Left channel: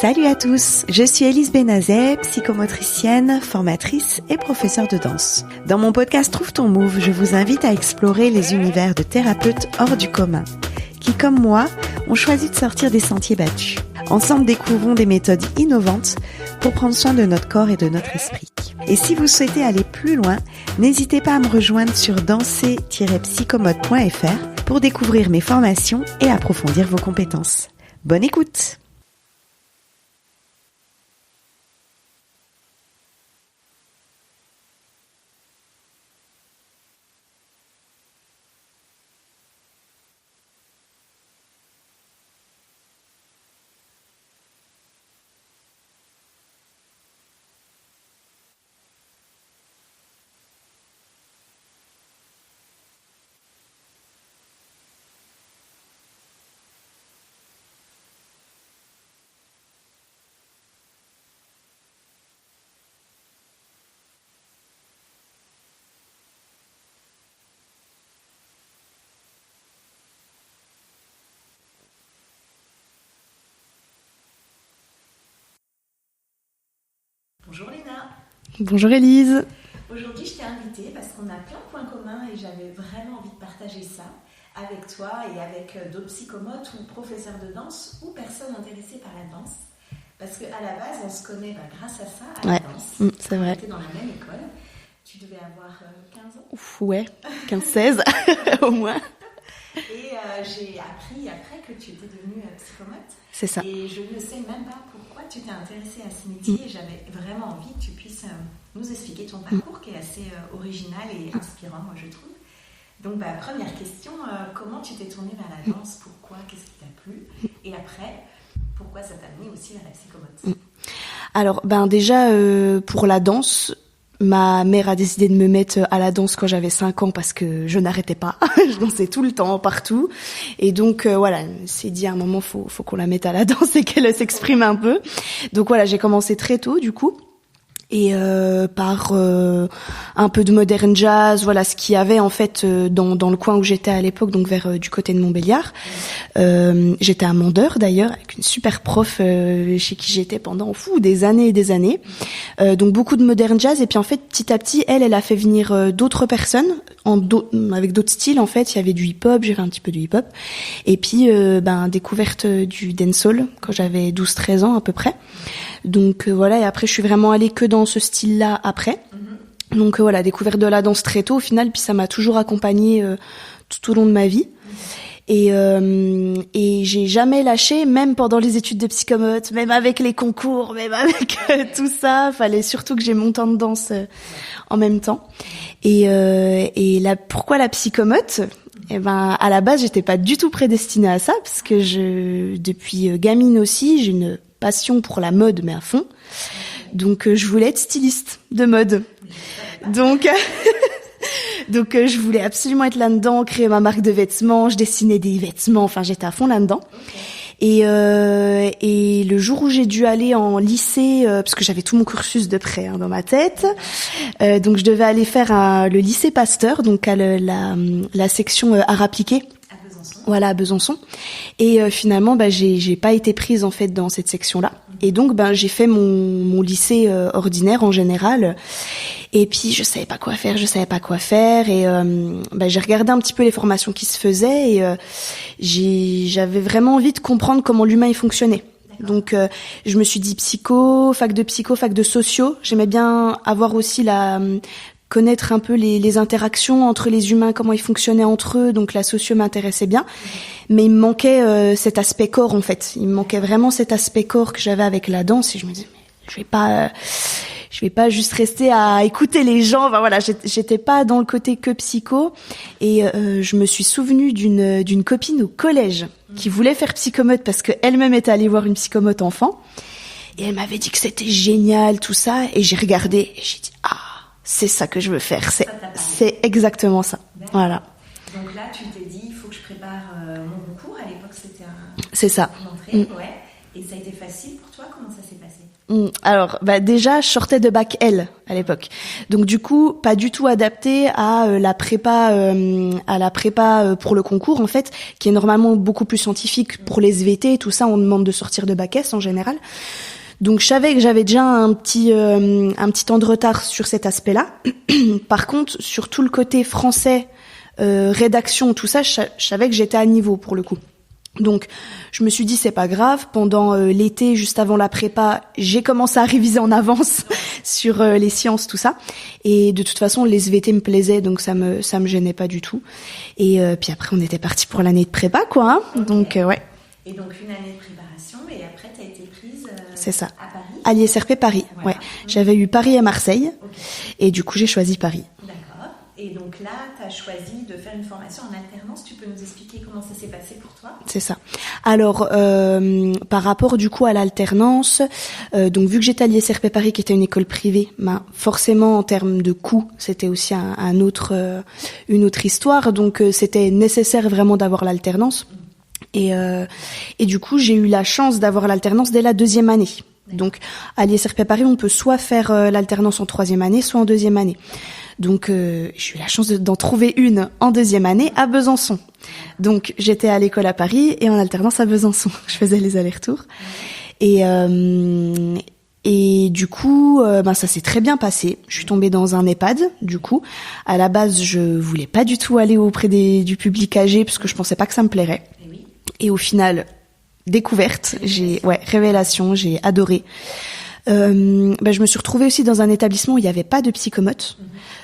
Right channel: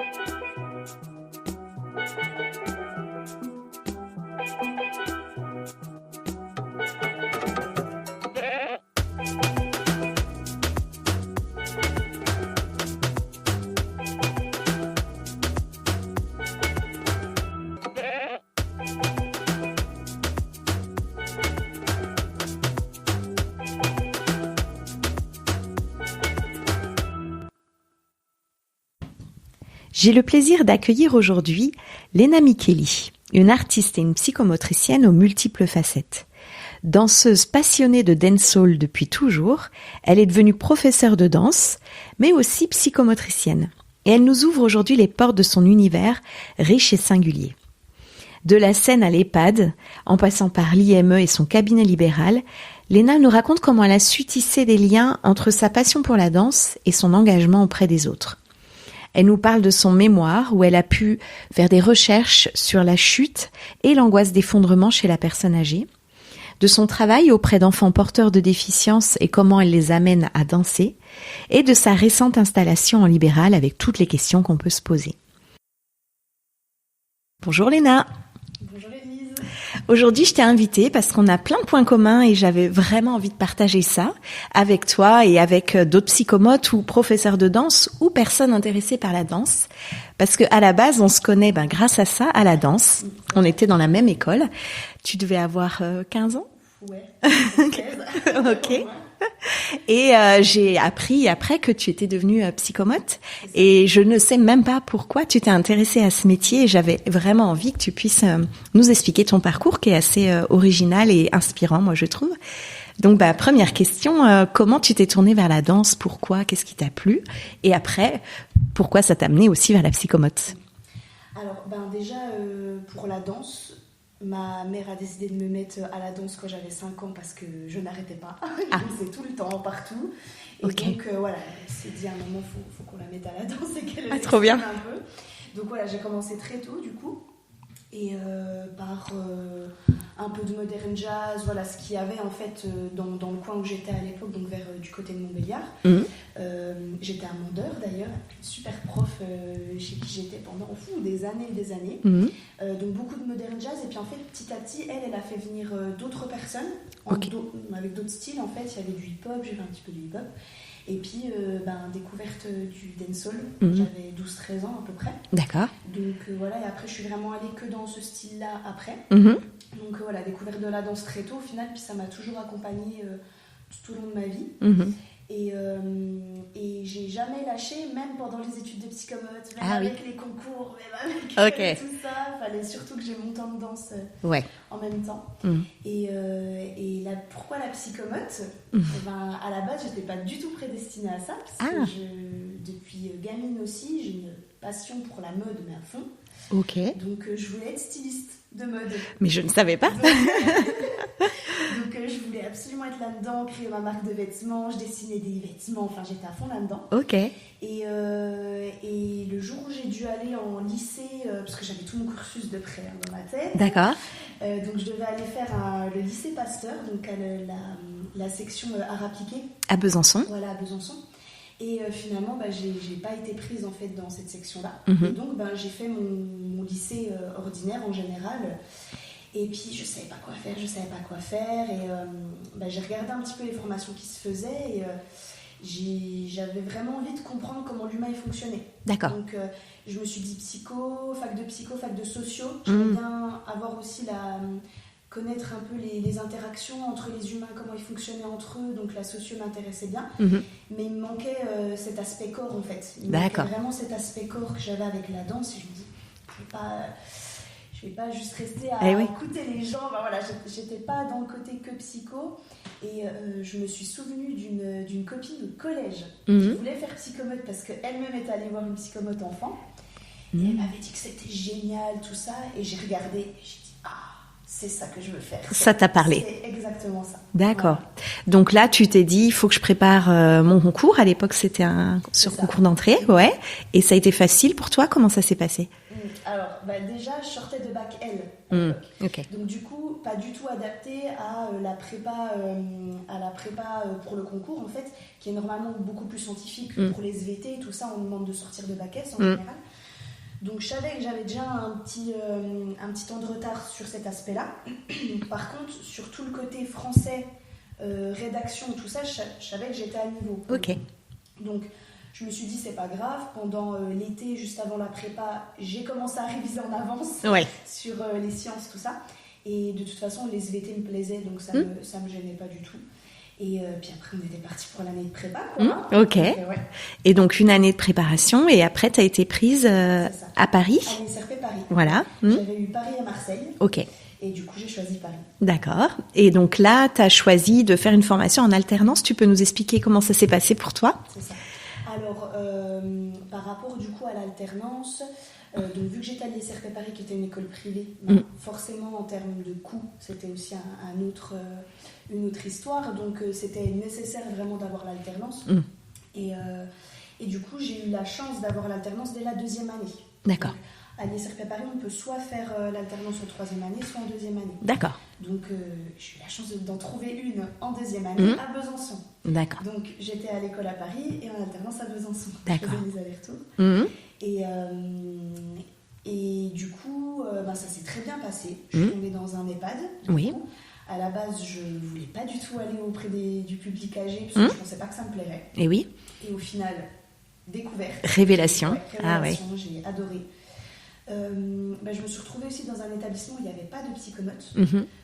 Salut à tous, je suis Élise Benazet, psychomotricienne, formatrice et professeure de danse. Dans mon podcast Trouve ton Move, je vous invite à explorer les univers de thérapeutes hors du commun, qui, comme moi, ont choisi de sortir des sentiers battus. Ensemble, découvrons des méthodes innovantes pour prendre soin de notre corps et de notre esprit. Et si vous souhaitez aller plus loin, n'hésitez pas à me rejoindre sur danser-psychomote.fr pour découvrir mes formations et approfondir vos compétences. Bonne écoute! J'ai le plaisir d'accueillir aujourd'hui Lena Micheli, une artiste et une psychomotricienne aux multiples facettes. Danseuse passionnée de dancehall depuis toujours, elle est devenue professeure de danse, mais aussi psychomotricienne. Et elle nous ouvre aujourd'hui les portes de son univers riche et singulier. De la scène à l'EHPAD, en passant par l'IME et son cabinet libéral, Lena nous raconte comment elle a su tisser des liens entre sa passion pour la danse et son engagement auprès des autres. Elle nous parle de son mémoire où elle a pu faire des recherches sur la chute et l'angoisse d'effondrement chez la personne âgée, de son travail auprès d'enfants porteurs de déficience et comment elle les amène à danser, et de sa récente installation en libéral avec toutes les questions qu'on peut se poser. Bonjour Lena. Bonjour Élise. Aujourd'hui, je t'ai invitée parce qu'on a plein de points communs et j'avais vraiment envie de partager ça avec toi et avec d'autres psychomotes ou professeurs de danse ou personnes intéressées par la danse. Parce qu'à la base, on se connaît grâce à ça, à la danse. On était dans la même école. Tu devais avoir 15 ans? Ouais, 15-16 au moins. Et j'ai appris après que tu étais devenue psychomote. C'est ça. Et je ne sais même pas pourquoi tu t'es intéressée à ce métier. Et j'avais vraiment envie que tu puisses nous expliquer ton parcours qui est assez original et inspirant, moi je trouve. Donc première question, comment tu t'es tournée vers la danse? Pourquoi? Qu'est-ce qui t'a plu? Et après, pourquoi ça t'a amené aussi vers la psychomote? Alors déjà, pour la danse, ma mère a décidé de me mettre à la danse quand j'avais 5 ans parce que je n'arrêtais pas. Je dansais tout le temps, partout. Et donc, voilà, elle s'est dit à un moment, faut qu'on la mette à la danse et qu'elle s'exprime un peu. Donc voilà, j'ai commencé très tôt, du coup. Et par un peu de modern jazz, voilà ce qu'il y avait en fait dans le coin où j'étais à l'époque, donc vers du côté de Montbéliard. J'étais à Mandeur d'ailleurs avec une super prof chez qui j'étais pendant des années et des années. Donc beaucoup de modern jazz et puis en fait petit à petit elle a fait venir d'autres personnes avec d'autres styles en fait. Il y avait du hip-hop, j'ai fait un petit peu du hip-hop et puis découverte du dancehall quand j'avais 12-13 ans à peu près. D'accord. Donc voilà, et après je suis vraiment allée que dans ce style-là après. Donc voilà, découverte de la danse très tôt au final, puis ça m'a toujours accompagnée tout au long de ma vie. Et j'ai jamais lâché, même pendant les études de psychomote, même avec les concours, même avec tout ça. Fallait surtout que j'ai mon temps de danse en même temps. Et pourquoi la psychomote? À la base, j'étais pas du tout prédestinée à ça, parce que depuis gamine aussi, j'ai une passion pour la mode, mais à fond. Donc je voulais être styliste de mode. Mais je ne savais pas. Donc je voulais absolument être là-dedans, créer ma marque de vêtements, je dessinais des vêtements, enfin j'étais à fond là-dedans. Et le jour où j'ai dû aller en lycée, parce que j'avais tout mon cursus de près dans ma tête. D'accord. Donc je devais aller faire le lycée Pasteur, donc à la section art appliqué. À Besançon. Voilà, à Besançon. Et finalement, j'ai pas été prise en fait dans cette section-là. Et donc, j'ai fait mon lycée ordinaire en général. Et puis, je savais pas quoi faire. Et j'ai regardé un petit peu les formations qui se faisaient et j'avais vraiment envie de comprendre comment l'humain il fonctionnait. D'accord. Donc, je me suis dit fac de socio. J'aimais bien avoir aussi connaître un peu les interactions entre les humains, comment ils fonctionnaient entre eux, donc la socio m'intéressait bien, mais il me manquait cet aspect corps en fait, il me manquait vraiment cet aspect corps que j'avais avec la danse et je me disais je vais pas juste rester à écouter les gens, enfin voilà, j'étais pas dans le côté que psycho et je me suis souvenue d'une copine au collège qui voulait faire psychomote parce qu'elle-même était allée voir une psychomote enfant et elle m'avait dit que c'était génial tout ça et j'ai regardé et j'ai dit c'est ça que je veux faire. Ça t'a parlé. C'est exactement ça. D'accord. Voilà. Donc là, tu t'es dit, il faut que je prépare mon concours. À l'époque, c'était un concours d'entrée. Ouais. Et ça a été facile pour toi? Comment ça s'est passé? Alors, déjà, je sortais de bac L à l'époque. Okay. Donc du coup, pas du tout adapté à la prépa pour le concours, en fait, qui est normalement beaucoup plus scientifique. Pour les SVT et tout ça, on demande de sortir de bac S en général. Donc je savais que j'avais déjà un petit temps de retard sur cet aspect-là. Par contre, sur tout le côté français, rédaction, tout ça, je savais que j'étais à niveau pour le coup. Donc je me suis dit c'est pas grave. Pendant l'été, juste avant la prépa, j'ai commencé à réviser en avance sur les sciences, tout ça. Et de toute façon, les SVT me plaisaient, donc ça me gênait pas du tout. Et puis après, on était parti pour l'année de prépa, quoi. Donc, ouais. Et donc, une année de préparation. Et après, tu as été prise à Paris. À l'ISRP Paris. Voilà. Ouais. J'avais eu Paris et Marseille. Ok. Et du coup, j'ai choisi Paris. D'accord. Et donc là, tu as choisi de faire une formation en alternance. Tu peux nous expliquer comment ça s'est passé pour toi? C'est ça. Alors, par rapport du coup à l'alternance, donc vu que j'étais à l'ISRP Paris, qui était une école privée, forcément en termes de coûts, c'était aussi une autre histoire. Donc c'était nécessaire vraiment d'avoir l'alternance. Et du coup, j'ai eu la chance d'avoir l'alternance dès la 2e année. D'accord. Donc, à l'ISRP Paris, on peut soit faire l'alternance en 3e année, soit en 2e année. D'accord. Donc, j'ai eu la chance d'en trouver une en 2e année à Besançon. D'accord. Donc, j'étais à l'école à Paris et en alternance à Besançon. D'accord. Je faisais les allers-retours. Et du coup, ça s'est très bien passé. Je suis tombée dans un EHPAD, du coup. À la base, je voulais pas du tout aller auprès du public âgé, parce que je pensais pas que ça me plairait. Et oui. Et au final, découverte. Révélation. Révélation, j'ai adoré. Je me suis retrouvée aussi dans un établissement où il n'y avait pas de psychomote.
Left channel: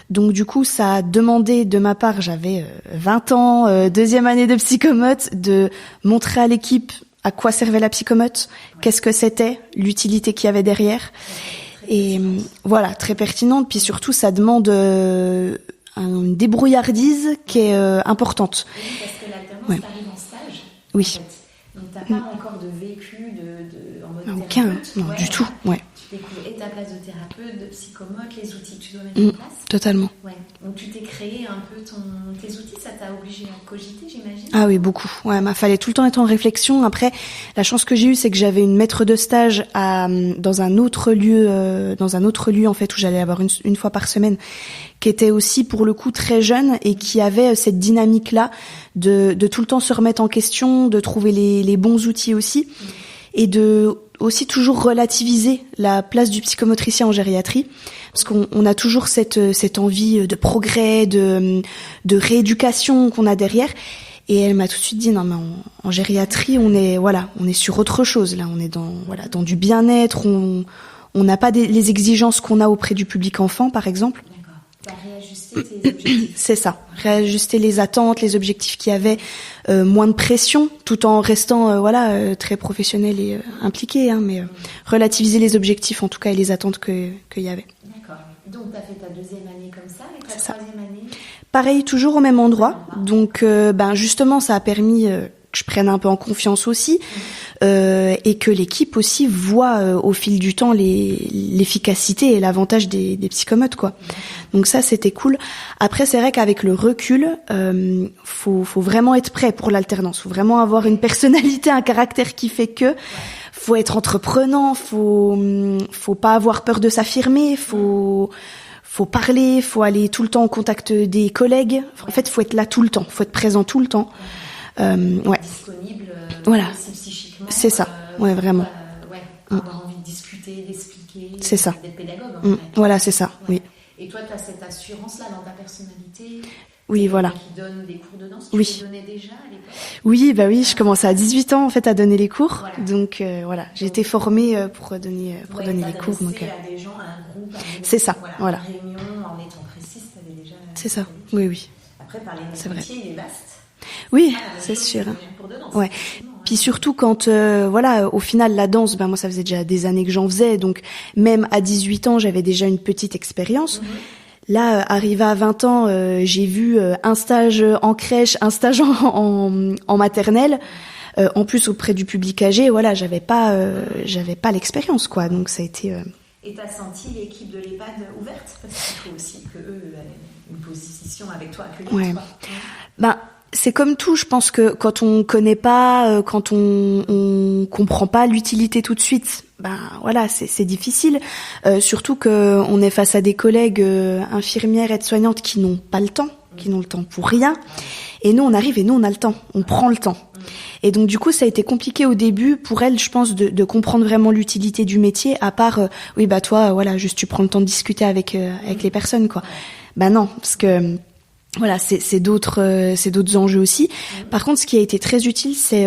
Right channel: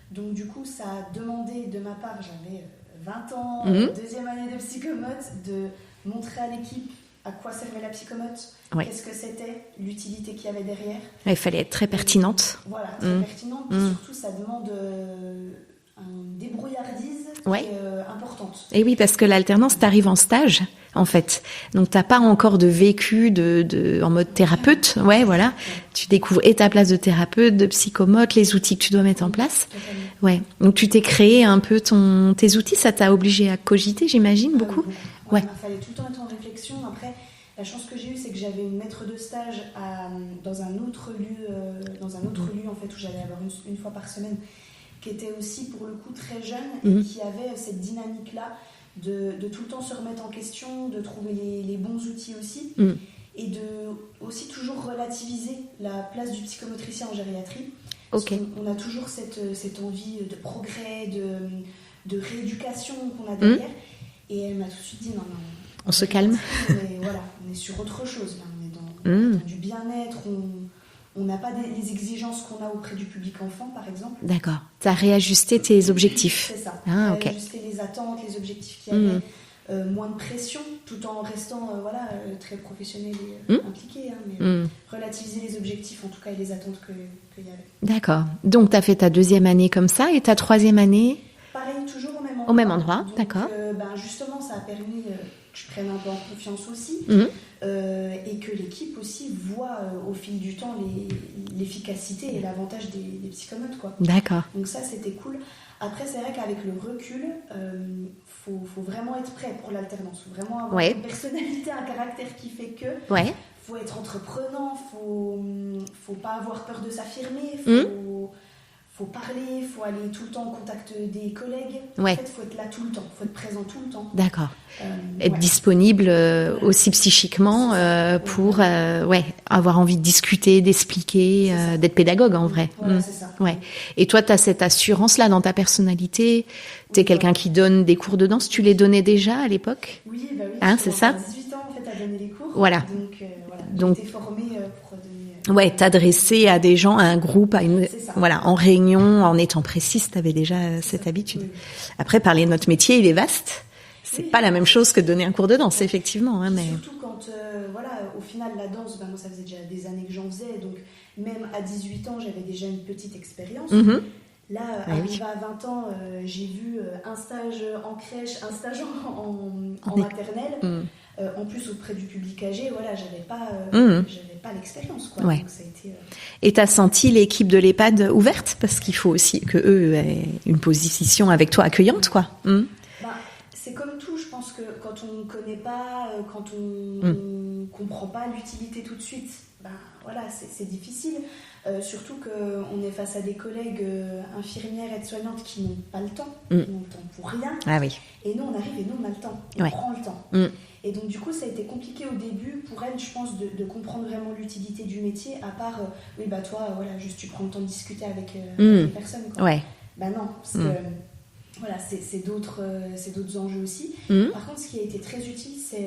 Donc du coup, ça a demandé de ma part, j'avais 20 ans, 2e année de psychomote, de montrer à l'équipe à quoi servait la psychomote, qu'est-ce que c'était, l'utilité qu'il y avait derrière. Il fallait être très pertinente. Voilà, très pertinente. Puis surtout, ça demande une débrouillardise qui est importante. Et oui, parce que l'alternance, t'arrives en stage, en fait. Donc, t'as pas encore de vécu en mode thérapeute. Voilà. Tu découvres et ta place de thérapeute, de psychomote, les outils que tu dois mettre en place. Totalement. Ouais. Donc, tu t'es créé un peu tes outils. Ça t'a obligé à cogiter, j'imagine? Ah oui, beaucoup. Ouais, il fallait tout le temps être en réflexion. Après, la chance que j'ai eue, c'est que j'avais une maître de stage dans un autre lieu, en fait, où j'allais avoir une fois par semaine, qui était aussi pour le coup très jeune et qui avait cette dynamique-là de tout le temps se remettre en question, de trouver les bons outils aussi, et de aussi toujours relativiser la place du psychomotricien en gériatrie, parce qu'on a toujours cette envie de progrès, de rééducation qu'on a derrière. Et elle m'a tout de suite dit non mais en gériatrie on est sur autre chose là, on est dans du bien-être, on n'a pas les exigences qu'on a auprès du public enfant, par exemple. D'accord. Tu as réajusté tes objectifs. C'est ça. Réajuster les attentes, les objectifs qu'il y avait, moins de pression, tout en restant très professionnel et impliqué, mais relativiser les objectifs en tout cas et les attentes qu'il y avait. D'accord. Donc tu as fait ta 2e année comme ça et ta 3e année? Pareil, toujours au même endroit. Donc justement, ça a permis que je prenne un peu en confiance aussi, et que l'équipe aussi voit au fil du temps l'efficacité et l'avantage des psychomotes, quoi. D'accord. Donc ça, c'était cool. Après, c'est vrai qu'avec le recul, faut vraiment être prêt pour l'alternance. Faut vraiment avoir une personnalité, un caractère qui fait que. Faut être entreprenant. Faut pas avoir peur de s'affirmer. Faut parler, faut aller tout le temps au contact des collègues. En fait, faut être là tout le temps, faut être présent tout le temps. D'accord. Être disponible aussi psychiquement. C'est ça. Pour avoir envie de discuter, d'expliquer, d'être pédagogue en vrai. Voilà, c'est ça. Ouais. Oui. Et toi, tu as cette assurance-là dans ta personnalité. T'es quelqu'un qui donne des cours de danse. Tu les donnais déjà à l'époque? Oui, je commençais à 18 ans en fait à donner les cours. Voilà. Donc j'ai été formée pour donner. T'adresser à des gens, à un groupe, c'est ça. En réunion, en étant précise, t'avais déjà cette habitude. Oui. Après, parler de notre métier, il est vaste. C'est pas la même chose que donner un cours de danse, effectivement. Puis surtout quand, au final, la danse, moi, ça faisait déjà des années que j'en faisais. Donc, même à 18 ans, j'avais déjà une petite expérience. Là, arrivée à 20 ans, j'ai vu un stage en crèche, un stage en maternelle, en plus auprès du public âgé. Voilà, j'avais pas l'expérience, quoi. Ouais. Donc ça a été. Et t'as senti l'équipe de l'EHPAD ouverte, parce qu'il faut aussi que eux aient une position avec toi accueillante, quoi. Ben, c'est comme tout, je pense que quand on connaît pas, quand on comprend pas l'utilité tout de suite, ben voilà, c'est difficile. Surtout que on est face à des collègues infirmières, aides-soignantes qui n'ont pas le temps, qui n'ont le temps pour rien. Ah oui. Et nous, on arrive et nous, on a le temps, on prend le temps. Et donc du coup, ça a été compliqué au début pour elle, je pense, de comprendre vraiment l'utilité du métier. À part, oui, bah toi, voilà, juste tu prends le temps de discuter avec les personnes, quoi. Ouais. Bah non, parce que voilà, c'est d'autres enjeux aussi. Par contre, ce qui a été très utile, c'est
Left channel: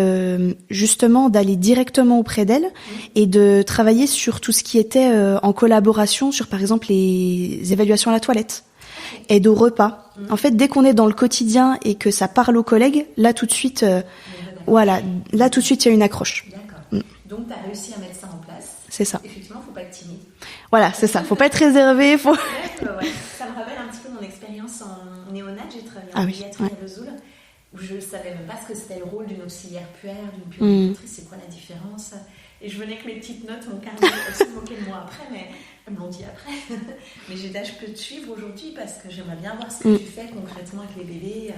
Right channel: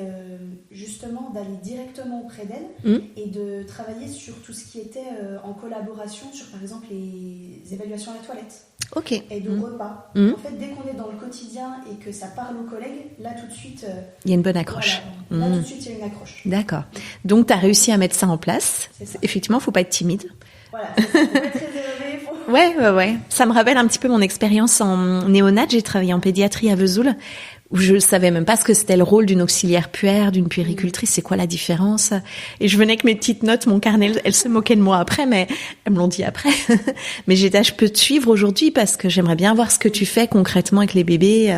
justement d'aller directement auprès d'elle et de travailler sur tout ce qui était en collaboration sur, par exemple, les évaluations à la toilette. Ok. Aide au repas. En fait, dès qu'on est dans le quotidien et que ça parle aux collègues, là tout de suite, Il y a une bonne accroche. voilà, là tout de suite il y a une accroche. D'accord. Donc, tu as réussi à mettre ça en place. C'est ça. Effectivement, faut pas être timide. Voilà, c'est ça. Faut pas être réservé. Faut. Ouais. Ça me rappelle un petit peu mon expérience en néonat. J'ai travaillé en pédiatrie à Vesoul, où je savais même pas ce que c'était le rôle d'une auxiliaire puère, d'une puéricultrice, c'est quoi la différence. Et je venais avec mes petites notes, mon carnet, elles se moquaient de moi après, mais elles me l'ont dit après. Mais j'étais, je peux te suivre aujourd'hui parce que j'aimerais bien voir ce que tu fais concrètement avec les bébés.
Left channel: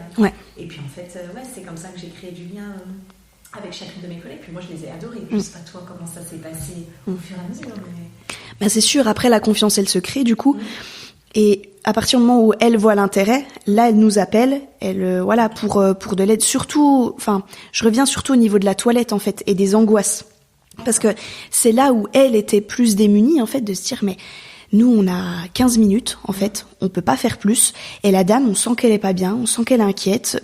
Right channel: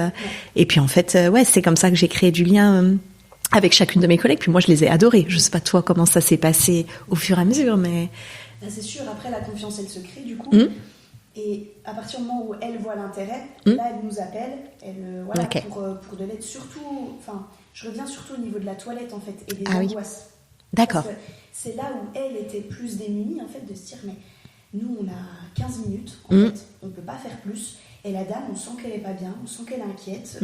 Et puis en fait, c'est comme ça que j'ai créé du lien avec chacune de mes collègues. Puis moi, je les ai adorées. Je sais pas toi comment ça s'est passé au fur et à mesure, mais... Ben, c'est sûr, après la confiance, elle se crée du coup. Et à partir du moment où elle voit l'intérêt, là, elle nous appelle, pour de l'aide. Surtout, enfin, je reviens surtout au niveau de la toilette, en fait, et des angoisses. D'accord. Parce que c'est là où elle était plus démunie, en fait, de se dire, mais nous, on a 15 minutes, en fait, on peut pas faire plus. Et la dame, on sent qu'elle est pas bien, on sent qu'elle est inquiète.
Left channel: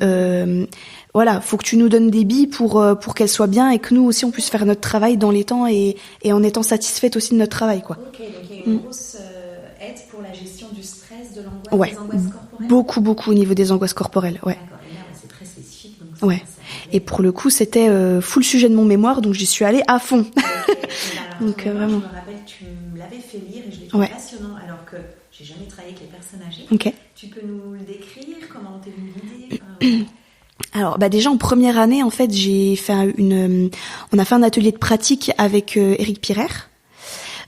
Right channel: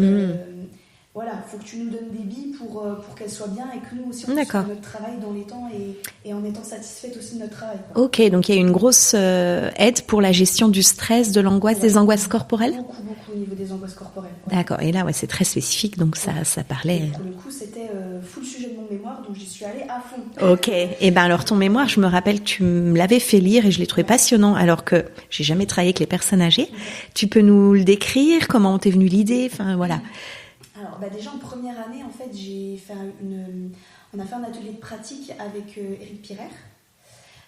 Voilà, faut que tu nous donnes des billes pour qu'elle soit bien et que nous aussi on puisse faire notre travail dans les temps et en étant satisfaite aussi de notre travail, quoi. Ok, donc il y a une grosse aide pour la gestion du stress, de l'angoisse, des angoisses corporelles. Beaucoup au niveau des angoisses corporelles. Ouais. D'accord. Et là, c'est très spécifique, donc ça parlait. Et pour le coup, c'était full sujet de mon mémoire, donc j'y suis allée à fond. Ok. Et ben alors ton mémoire, je me rappelle, tu me l'avais fait lire et je l'ai trouvé passionnant, alors que j'ai jamais travaillé avec les personnes âgées. Okay. Tu peux nous le décrire? Comment t'es venue l'idée? Enfin voilà. Alors, déjà en première année, en fait, on a fait un atelier de pratique avec Éric Pirer,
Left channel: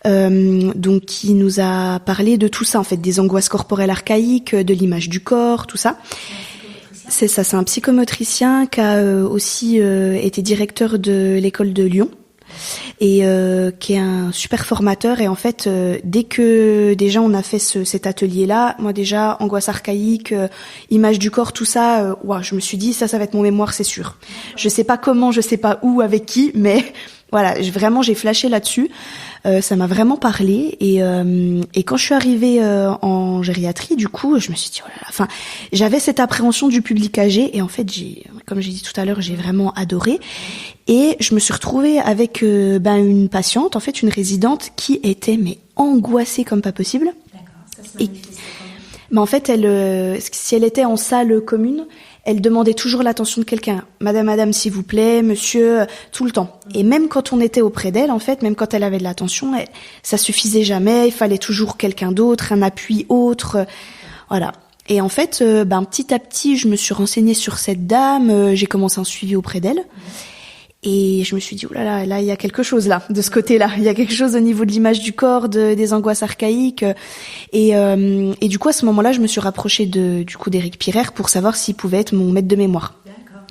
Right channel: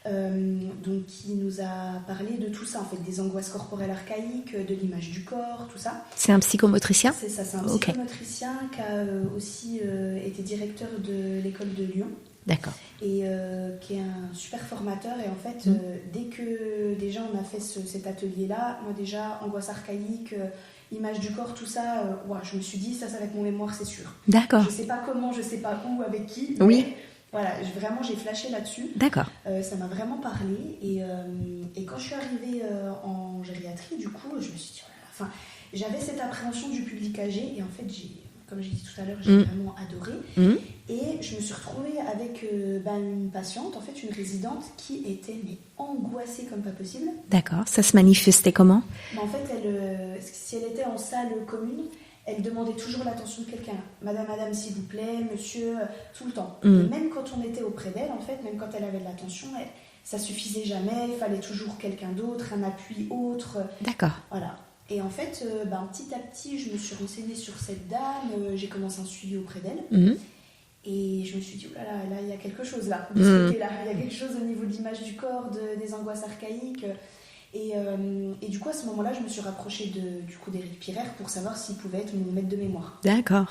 donc qui nous a parlé de tout ça, en fait, des angoisses corporelles archaïques, de l'image du corps, tout ça. C'est un psychomotricien? C'est ça, c'est un psychomotricien qui a aussi été directeur de l'école de Lyon. D'accord. Et qui est un super formateur. Et en fait, dès que déjà on a fait cet atelier-là, moi déjà, angoisse archaïque, image du corps, tout ça, je me suis dit, ça va être mon mémoire, c'est sûr. D'accord. Je sais pas comment, je sais pas où, avec qui, mais voilà, j'ai flashé là-dessus. D'accord. Ça m'a vraiment parlé. Et quand je suis arrivée en gériatrie, du coup, je me suis dit, oh là là, enfin, j'avais cette appréhension du public âgé. Et en fait, comme j'ai dit tout à l'heure, j'ai vraiment adoré. Et je me suis retrouvée avec une patiente, en fait, une résidente qui était angoissée comme pas possible. D'accord. Ça se manifestait comment? En fait, si elle était en salle commune, elle demandait toujours l'attention de quelqu'un. Madame, s'il vous plaît, monsieur, tout le temps. Et même quand on était auprès d'elle, en fait, même quand elle avait de l'attention, ça suffisait jamais. Il fallait toujours quelqu'un d'autre, un appui autre. D'accord. Voilà. Et en fait, petit à petit, je me suis renseignée sur cette dame. J'ai commencé un suivi auprès d'elle. Et je me suis dit, oh là là, il y a quelque chose là, de ce côté-là. Il y a quelque chose au niveau de l'image du corps, des angoisses archaïques. Et du coup, à ce moment-là, je me suis rapprochée d'Éric Pirer pour savoir s'il pouvait être mon maître de mémoire. D'accord.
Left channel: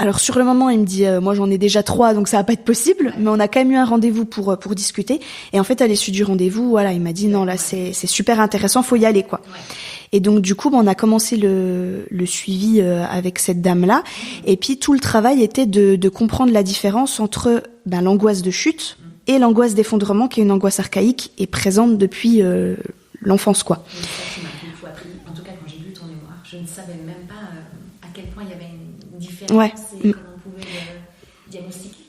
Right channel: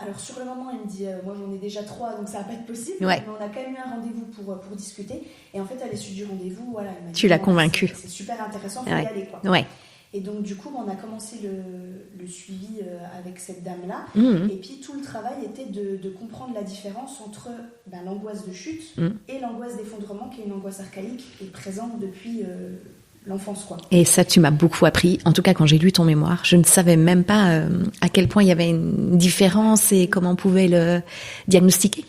Alors sur le moment, il me dit, moi j'en ai déjà 3, donc ça va pas être possible. Ouais. Mais on a quand même eu un rendez-vous pour discuter. Et en fait, à l'issue du rendez-vous, voilà, il m'a dit, non, là c'est super intéressant, faut y aller, quoi. Ouais. Et donc du coup, on a commencé le suivi avec cette dame-là. Et puis tout le travail était de comprendre la différence entre l'angoisse de chute et l'angoisse d'effondrement, qui est une angoisse archaïque et présente depuis l'enfance, quoi. Et ça, tu m'as beaucoup appris. En tout cas, quand j'ai lu ton mémoire, je ne savais même pas à quel point il y avait une différence et comment on pouvait le diagnostiquer.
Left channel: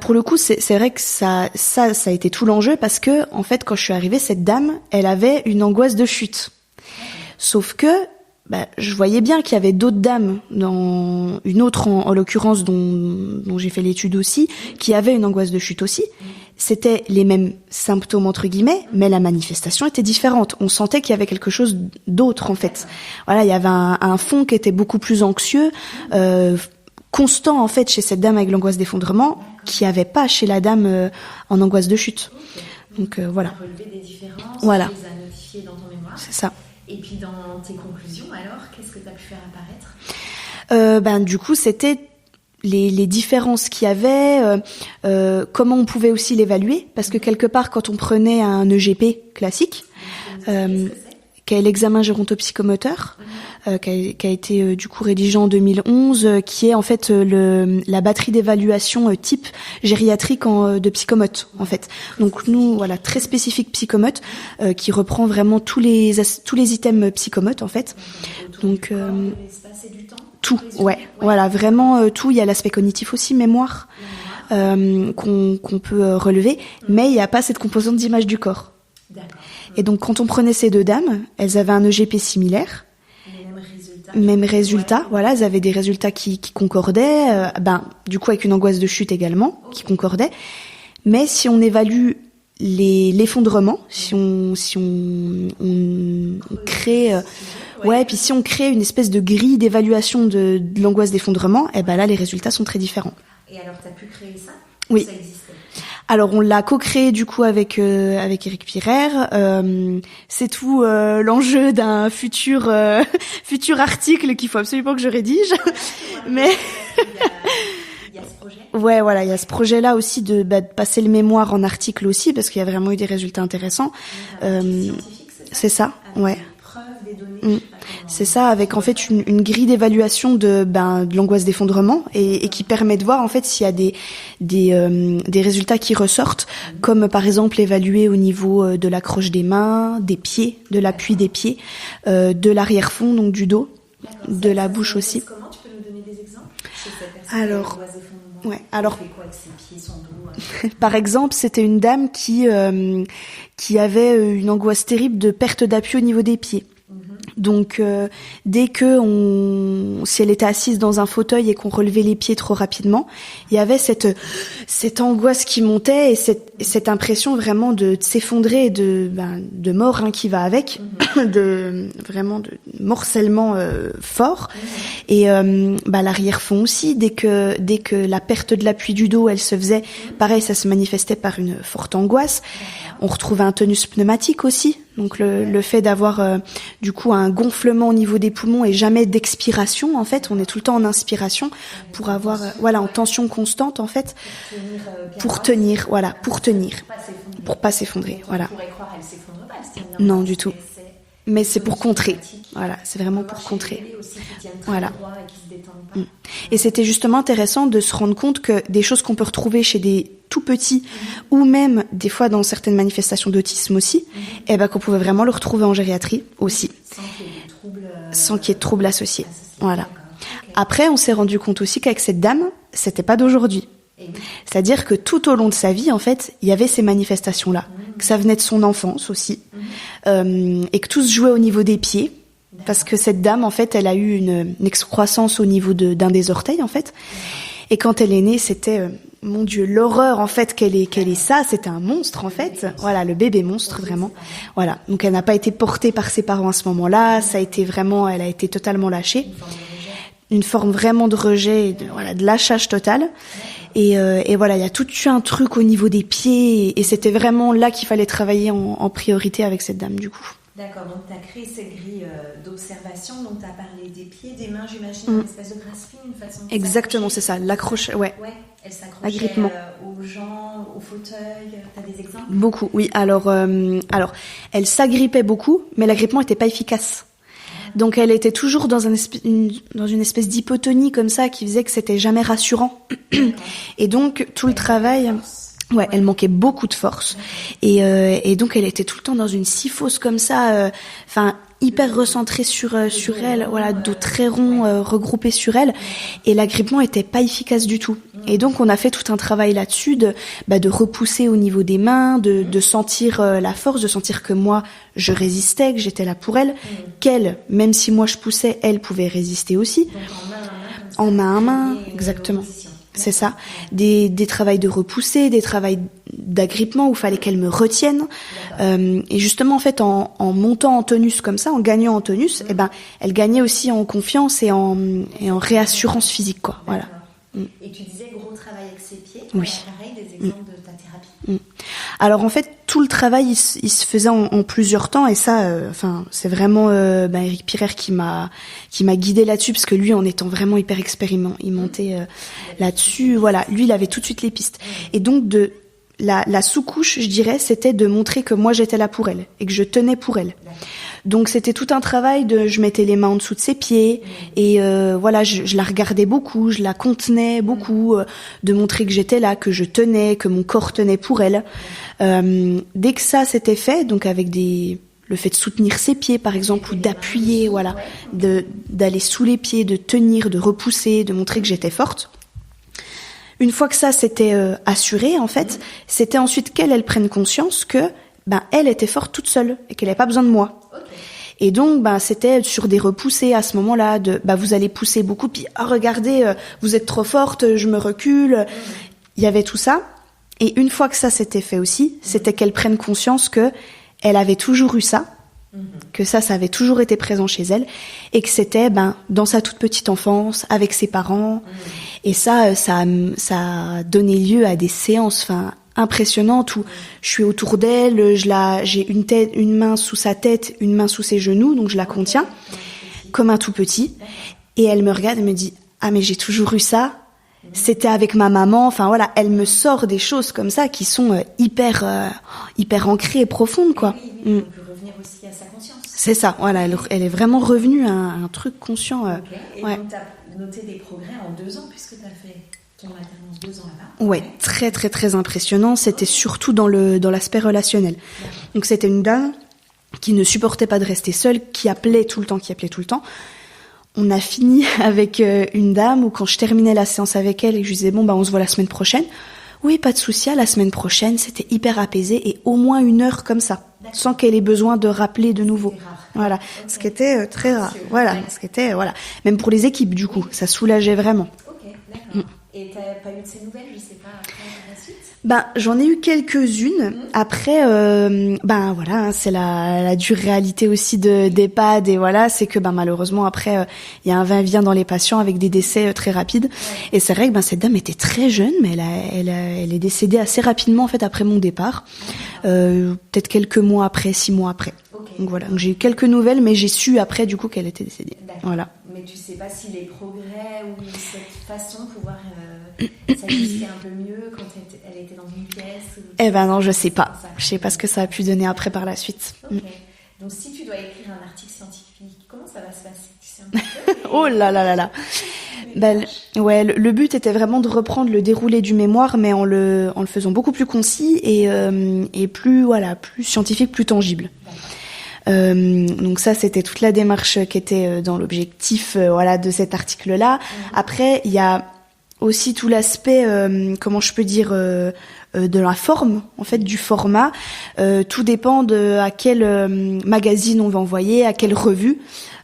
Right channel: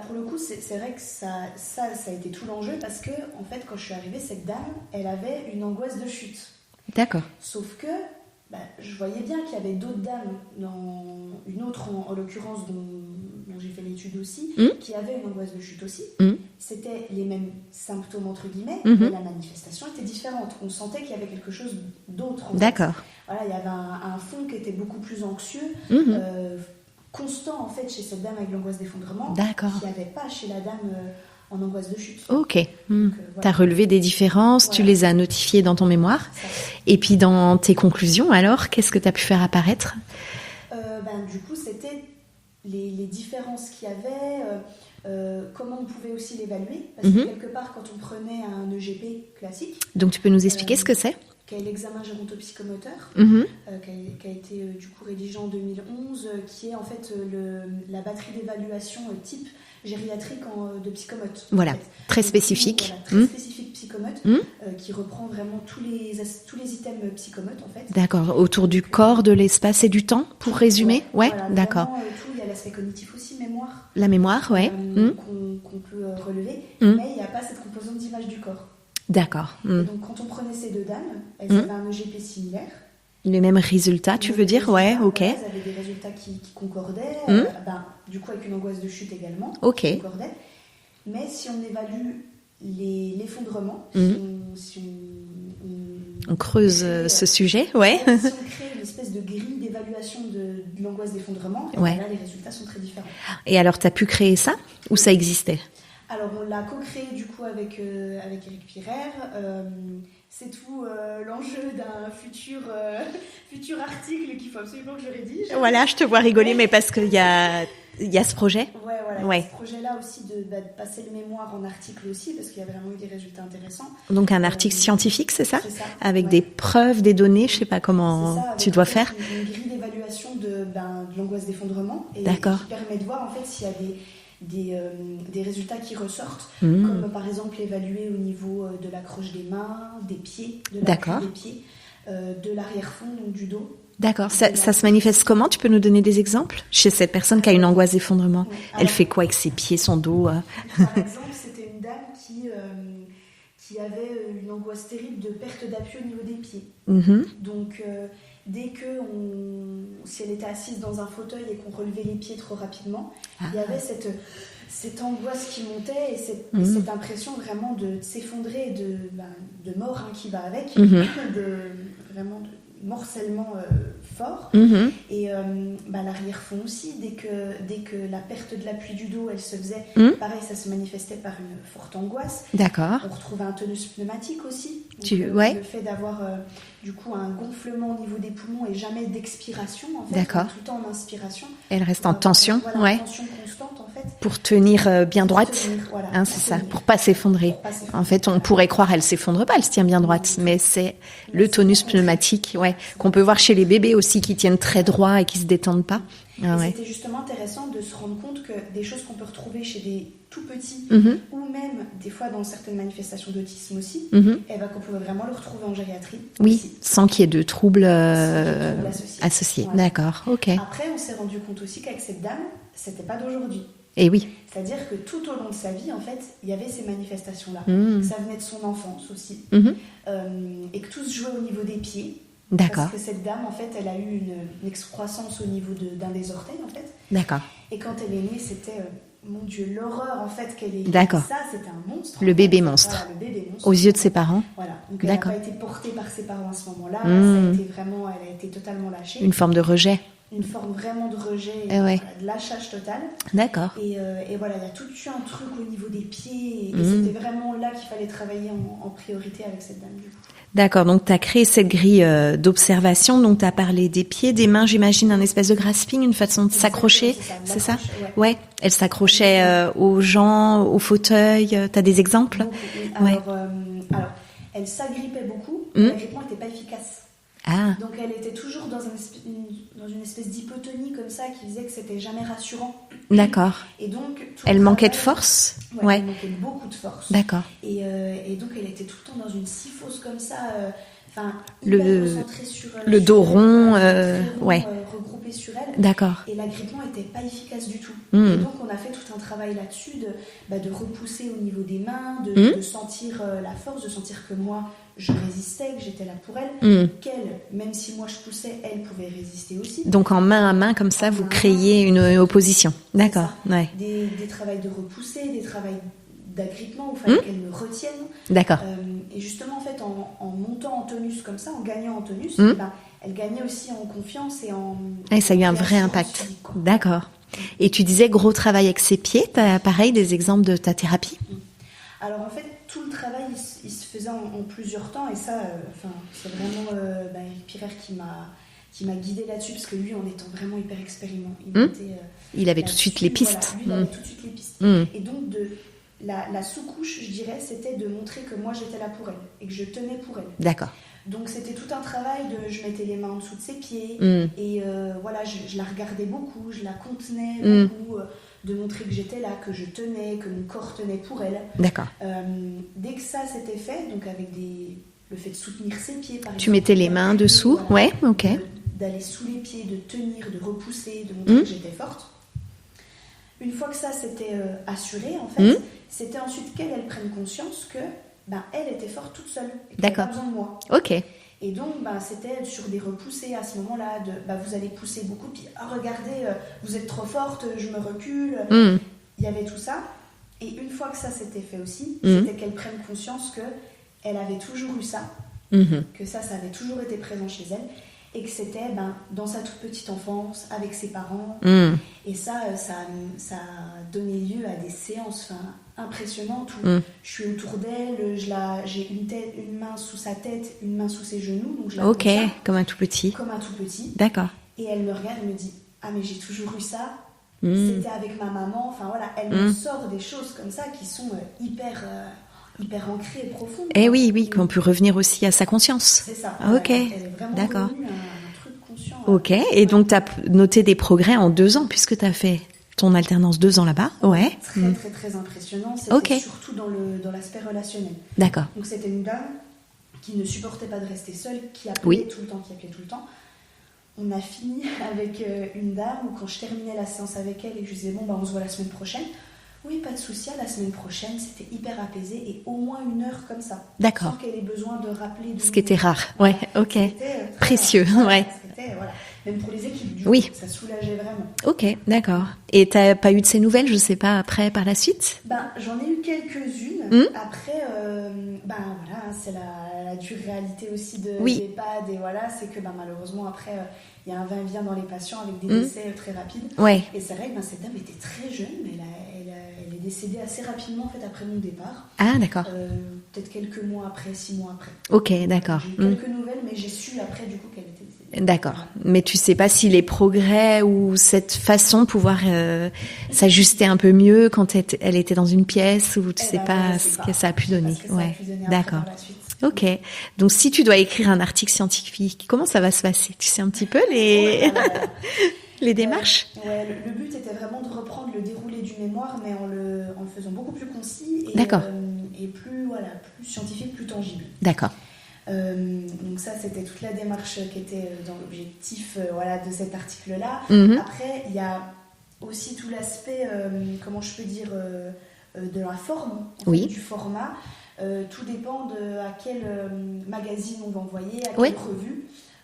Pour le coup, c'est vrai que ça a été tout l'enjeu parce que, en fait, quand je suis arrivée, cette dame, elle avait une angoisse de chute. D'accord. Sauf que je voyais bien qu'il y avait d'autres dames, dans une autre en l'occurrence dont j'ai fait l'étude aussi, qui avaient une angoisse de chute aussi. C'était les mêmes symptômes entre guillemets, mais la manifestation était différente. On sentait qu'il y avait quelque chose d'autre en fait. Voilà, il y avait un fond qui était beaucoup plus anxieux, constant en fait chez cette dame avec l'angoisse d'effondrement, qui avait pas chez la dame en angoisse de chute. Ok. Donc voilà. T'as relevé des différences, tu les as notifiées dans ton mémoire. C'est ça. Et puis dans tes conclusions, alors, qu'est-ce que t'as pu faire apparaître ? Du coup, c'était les différences qu'il y avait, comment on pouvait aussi l'évaluer, parce que quelque part, quand on prenait un EGP classique, donc tu peux nous expliquer ce que c'est ? Qui est l'examen gérontopsychomoteur, qui a été du coup rédigé en 2011, qui est en fait la batterie d'évaluation type gériatrique de psychomote. Voilà, en fait. Très spécifique. Très spécifique psychomote, qui reprend vraiment tous les items psychomotes en fait. D'accord, autour du corps, de l'espace et du temps, tout résumé. Voilà, vraiment tout. Il y a l'aspect cognitif aussi, mémoire. La mémoire, qu'on peut relever, mais il n'y a pas cette composante d'image du corps. D'accord. Et donc, quand on prenait ces deux dames, elles avaient un EGP similaire. Les mêmes résultats, Voilà, elles avaient des résultats qui concordaient, du coup avec une angoisse de chute également, qui concordait. Mais si on évalue l'effondrement, si on creuse crée, ce sujet, puis si on crée une espèce de grille d'évaluation de l'angoisse d'effondrement, là les résultats sont très différents. Et alors, t'as pu créer ça ou ça existait ? Alors on l'a co-créé du coup avec Éric Pirer. C'est tout l'enjeu d'un futur article qu'il faut absolument que je rédige. Voilà, je te vois rigoler, mais parce qu'il y a ce projet. Ouais, voilà, il y a ce projet-là aussi de passer le mémoire en article aussi, parce qu'il y a vraiment eu des résultats intéressants. Donc un article scientifique, c'est ça ? C'est ça. Avec des preuves, des données, je sais pas comment. C'est ça, avec en fait une grille d'évaluation de l'angoisse d'effondrement et qui permet de voir en fait s'il y a des résultats qui ressortent, comme par exemple évaluer au niveau de l'accroche des mains, des pieds, de l'appui des pieds, de l'arrière-fond, donc du dos. D'accord. Ça se manifeste aussi. Comment ? Tu peux nous donner des exemples ? Chez cette personne qui a une angoisse d'effondrement, elle fait quoi avec ses pieds, son dos Par exemple, c'était une dame qui avait une angoisse terrible de perte d'appui au niveau des pieds. Donc dès que si elle était assise dans un fauteuil et qu'on relevait les pieds trop rapidement, il y avait cette angoisse qui montait et cette impression vraiment de s'effondrer et de mort qui va avec, de morcellement fort. Et l'arrière-fond aussi, dès que la perte de l'appui du dos elle se faisait, pareil, ça se manifestait par une forte angoisse. D'accord. On retrouvait un tonus pneumatique aussi. Donc le fait d'avoir du coup un gonflement au niveau des poumons et jamais d'expiration en fait. D'accord. On est tout le temps en inspiration. Elle reste en tension. En tension constante en fait. Pour tenir bien droite. Pour tenir. Pour pas s'effondrer. En fait, on pourrait croire elle s'effondre pas, elle se tient bien droite. Mais c'est le tonus pneumatique. On peut voir chez les bébés aussi qui tiennent très droit et qui se détendent pas. Et c'était justement intéressant de se rendre compte que des choses qu'on peut retrouver chez des tout petits, ou même des fois dans certaines manifestations d'autisme aussi, qu'on pouvait vraiment le retrouver en gériatrie aussi. Sans qu'il y ait de troubles associés. Voilà. D'accord. Okay. Après, on s'est rendu compte aussi qu'avec cette dame, c'était pas d'aujourd'hui. Et oui. C'est-à-dire que tout au long de sa vie, en fait, il y avait ces manifestations-là. Que ça venait de son enfance aussi. Et que tout se jouait au niveau des pieds. D'accord. Parce que cette dame, en fait, elle a eu une excroissance au niveau d'un des orteils, en fait. D'accord. Et quand elle est née, c'était... mon Dieu, l'horreur en fait qu'elle ait ça, c'était un monstre. Le bébé monstre. Voilà, le bébé monstre. Aux yeux de ses parents. Voilà, donc elle n'a pas été portée par ses parents à ce moment-là. Ça a été vraiment, elle a été totalement lâchée. Une forme de rejet. Une forme vraiment de rejet, de lâchage total. D'accord. Et voilà, il y a tout eu un truc au niveau des pieds, et c'était vraiment là qu'il fallait travailler en priorité avec cette dame du coup. D'accord, donc tu as créé cette grille d'observation, donc tu as parlé des pieds, des mains, j'imagine, un espèce de grasping, une façon de s'accrocher. Exactement, c'est ça, l'accroche, ouais. Elle s'accrochait aux gens, au fauteuil, tu as des exemples ? Beaucoup, oui. Alors, elle s'agrippait beaucoup, mais l'agrippement n'était pas efficace. Donc elle était toujours dans une espèce d'hypotonie comme ça qui faisait que c'était jamais rassurant. D'accord. Et donc tout le travail... Elle manquait de force ? Ouais, elle manquait beaucoup de force. D'accord. Et donc elle était tout le temps dans une syphose comme ça, hyper recentrée sur le dos elle, rond, de très rond, regroupé sur elle. D'accord. Et l'agrippement était pas efficace du tout. Et donc on a fait tout un travail là-dessus de repousser au niveau des mains, de sentir la force, de sentir que moi je résistais, que j'étais là pour elle, qu'elle elle, même si moi je poussais, elle pouvait résister aussi. Donc en main à main, comme ça, En vous main à créiez main, une exactement. opposition. C'est D'accord. ça. Ouais. Des travails de repousser, des travails d'agrippement où il fallait qu'elle me retienne. D'accord. Et justement, en fait, en montant en tonus comme ça, en gagnant en tonus, eh ben, elle gagnait aussi en confiance et en Et ça a eu un vrai réassurance impact. physique, quoi. D'accord. Voilà. Et tu disais gros travail avec ses pieds. T'as Oui. pareil des exemples de ta thérapie? Alors en fait, tout le travail, il se faisait en plusieurs temps, et ça, c'est vraiment Eric Pirer qui m'a guidée là-dessus, parce que lui, en étant vraiment hyper expérimenté, Il avait tout de là-dessus, suite les pistes. voilà, lui, il avait tout de suite les pistes. Et donc la sous-couche, je dirais, c'était de montrer que moi j'étais là pour elle et que je tenais pour elle. D'accord. Donc c'était tout un travail je mettais les mains en dessous de ses pieds et voilà, je la regardais beaucoup, je la contenais beaucoup, de montrer que j'étais là, que je tenais, que mon corps tenait pour elle. D'accord. Dès que ça s'était fait, donc avec le fait de soutenir ses pieds par Tu exemple, mettais les mains d'appuyer, dessous. voilà, Ouais, ok. d'aller sous les pieds, de tenir, de repousser, de montrer que j'étais forte. Une fois que ça s'était assuré, en fait, c'était ensuite qu'elle prenne conscience que elle était forte toute seule et qu'elle n'avait pas besoin de moi. Ok. Et donc, c'était sur des repoussées à ce moment-là, vous allez pousser beaucoup, puis regardez, vous êtes trop forte, je me recule. Il y avait tout ça. Et une fois que ça s'était fait aussi, c'était qu'elle prenne conscience que elle avait toujours eu ça, que ça avait toujours été présent chez elle, et que c'était dans sa toute petite enfance, avec ses parents. Et ça a donné lieu à des séances impressionnantes où je suis autour d'elle, j'ai une main sous sa tête, une main sous ses genoux, donc je la contiens. Comme un tout petit. Comme un tout petit. D'accord. Et elle me regarde et me dit « Ah, mais j'ai toujours eu ça ». C'était avec ma maman, elle me sort des choses comme ça qui sont hyper ancrées et profondes, quoi. Et oui, qu'on peut revenir aussi à sa conscience. C'est ça, voilà, Ok. elle est vraiment D'accord. revenue à un truc conscient. Ok, et donc tu as noté des progrès en 2 ans, puisque tu as fait ton alternance 2 ans là-bas. Ouais. Très, très, très impressionnant. C'était Ok. surtout dans l'aspect relationnel. D'accord. Donc c'était une dame qui ne supportait pas de rester seule, qui appelait tout le temps. On a fini avec une dame où quand je terminais la séance avec elle et que je lui disais on se voit la semaine prochaine. Oui, pas de souci, à la semaine prochaine, c'était hyper apaisé et au moins 1 heure comme ça. D'accord. Sans qu'elle ait besoin de rappeler de nouveau. Ce qui était rare. Voilà. Ouais, ok. Ce qui était très précieux. rare. Voilà. Ouais. Ce qui était, même pour les équipes, du Oui. coup, ça soulageait vraiment. Ok, d'accord. Et t'as pas eu de ces nouvelles, je sais pas, après, par la suite? J'en ai eu quelques-unes. Après, c'est la dure réalité aussi des EHPAD, et voilà, c'est que malheureusement après, il y a un va-et-vient dans les patients avec des décès très rapides. Ouais. Et c'est vrai que cette dame était très jeune, mais elle est décédée assez rapidement en fait après mon départ. Ah, d'accord. Peut-être quelques mois après, 6 mois après. Ok, Donc, voilà. d'accord. Donc, j'ai eu quelques nouvelles, mais j'ai su après du coup qu'elle était décédée. D'accord. Voilà. Mais tu sais pas si les progrès ou cette façon de pouvoir s'ajuster un peu mieux quand elle était dans une pièce, ou tu sais pas non, je sais pas. ce que ça a pu Je sais pas donner. ce que ça a pu donner après D'accord. par la suite. Ok. Donc si tu dois écrire un article scientifique, comment ça va se passer? Tu sais un petit peu Oh là là là là. les démarches? Ouais, le but était vraiment de reprendre le déroulé du mémoire, mais en le faisant beaucoup plus concis et plus scientifique, plus tangible. D'accord. Donc ça, c'était toute la démarche qui était dans l'objectif de cet article-là. Après, il y a aussi tout l'aspect, comment je peux dire, de la forme, en fait, du format. Tout dépend de à quel magazine on va envoyer, à quelle revue.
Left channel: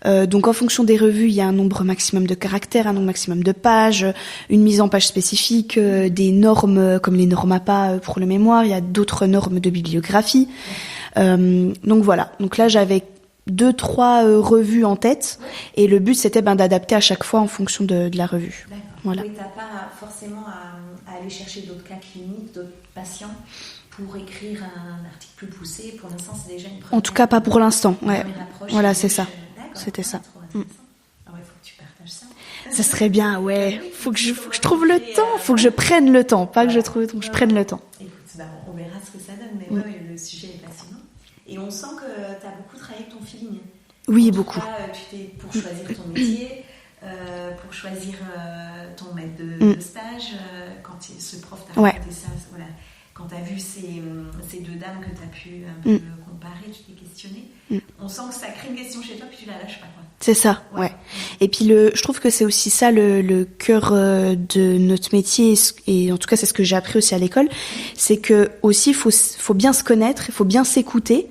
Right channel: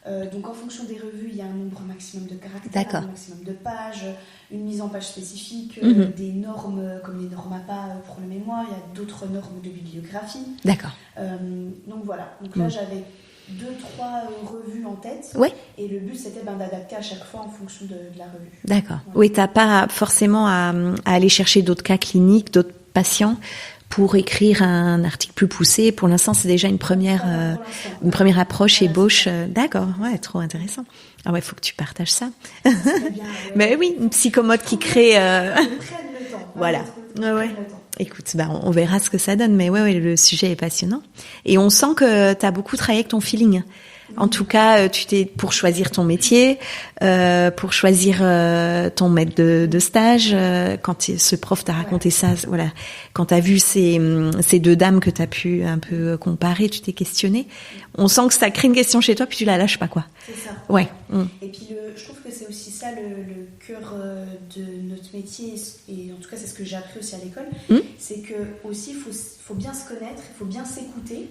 Donc en fonction des revues, il y a un nombre maximum de caractères, un nombre maximum de pages, une mise en page spécifique, des normes comme les normes APA pour le mémoire, il y a d'autres normes de bibliographie. D'accord. Donc voilà, donc là j'avais 2-3 revues en tête, et le but c'était d'adapter à chaque fois en fonction de la revue. D'accord. Voilà. Oui, t'as pas forcément à aller chercher d'autres cas cliniques, d'autres patients pour écrire un article plus poussé. Pour l'instant, c'est déjà une première... En tout cas, pas pour l'instant. Une première approche, voilà, ébauche. c'est ça. D'accord, C'était ça. trop intéressant. Ah ouais, faut que tu partages ça. Ça serait bien, ouais. Mais oui, faut que je psychomote trouve qui crée, le temps, faut que je prenne le temps, pas voilà. que je trouve, que je prenne le temps. Écoute, on verra ce que ça donne, mais ouais, le sujet est passionnant. Et on sent que tu as beaucoup travaillé avec ton feeling. Oui, en tout beaucoup. cas, pour choisir ton métier, pour choisir ton maître de stage, quand ce prof t'a raconté ça, voilà, quand tu as vu ces 2 dames que tu as pu un peu comparer, tu t'es questionné. On sent que ça crée une question chez toi, puis tu la lâches pas, quoi. C'est ça, ouais. Et puis je trouve que c'est aussi ça le cœur de notre métier, et en tout cas c'est ce que j'ai appris aussi à l'école, c'est que aussi faut bien se connaître, il faut bien s'écouter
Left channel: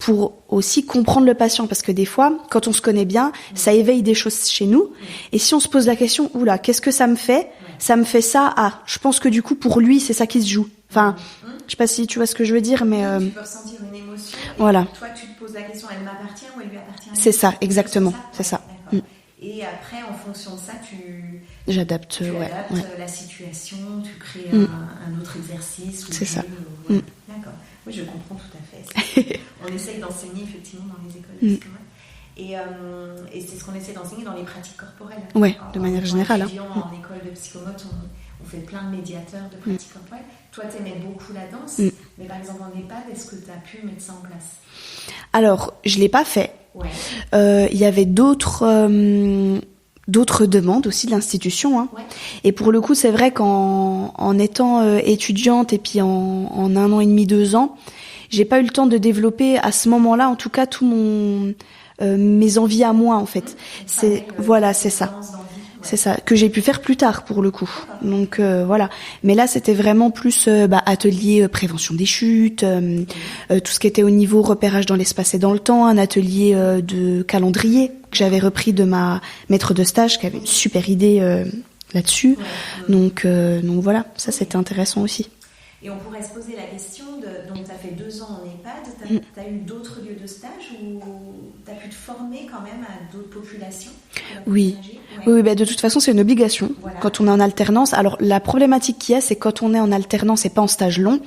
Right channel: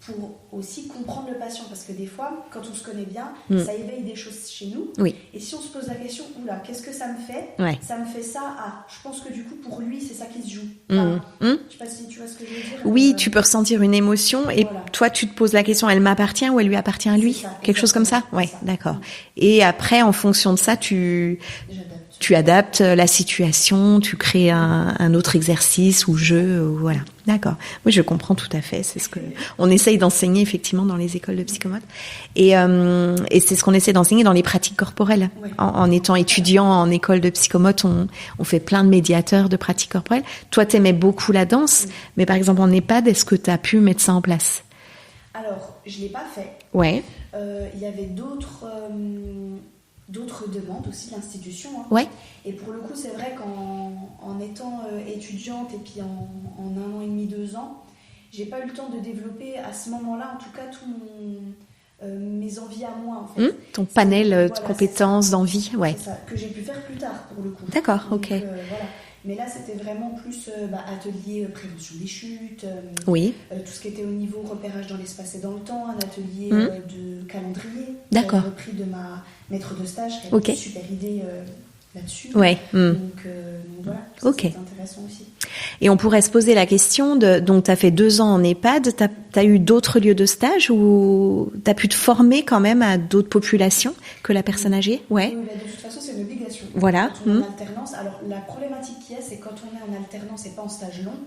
pour aussi comprendre le patient, parce que des fois, quand on se connaît bien, ça éveille des choses chez nous. Oui. Et si on se pose la question, oula, qu'est-ce que ça me fait? Ça me fait ça. Ah, je pense que du coup, pour lui, c'est ça qui se joue. Enfin, je sais pas si tu vois ce que je veux dire, mais oui, tu peux ressentir une émotion et voilà. Toi, tu te poses la question, elle m'appartient ou elle lui appartient à lui? C'est ça, quelque chose comme ça. C'est ça. D'accord. Et après, en fonction de ça, tu adaptes la situation, tu crées un autre exercice ou jeu, voilà. D'accord. Oui, je comprends tout à fait. C'est ce on essaye d'enseigner effectivement dans les écoles de psychomote. Et c'est ce qu'on essaie d'enseigner dans les pratiques corporelles. Ouais, en étant étudiant en école de psychomote, on fait plein de médiateurs de pratiques corporelles. Toi, t'aimais beaucoup la danse, mais par exemple en EHPAD, est-ce que tu as pu mettre ça en place? Alors, je l'ai pas fait. Ouais. Il y avait d'autres demandes aussi de l'institution. Hein. Ouais. Et pour le coup, c'est vrai qu'en étant étudiante et puis en 1 an et demi, 2 ans, j'ai pas eu le temps de développer à ce moment-là, en tout cas, tout mes envies à moi, en fait. Ton panel de compétences, d'envie. Ouais. C'est ça, que j'ai pu faire plus tard, pour le coup. D'accord. Donc, voilà. Mais là, c'était vraiment plus atelier prévention des chutes, tout ce qui était au niveau repérage dans l'espace et dans le temps, un atelier de calendrier que j'avais repris de ma maître de stage, qui avait une super idée là-dessus. Ouais. Donc voilà, ça c'était intéressant aussi. Et on pourrait se poser la question donc tu as fait 2 ans en EHPAD, tu as eu d'autres lieux de stage ou tu as pu te former quand même à d'autres populations que la personne âgée? Oui, de toute façon c'est une obligation quand on est en alternance. Alors la problématique qu'il y a, c'est quand on est en alternance et pas en stage long,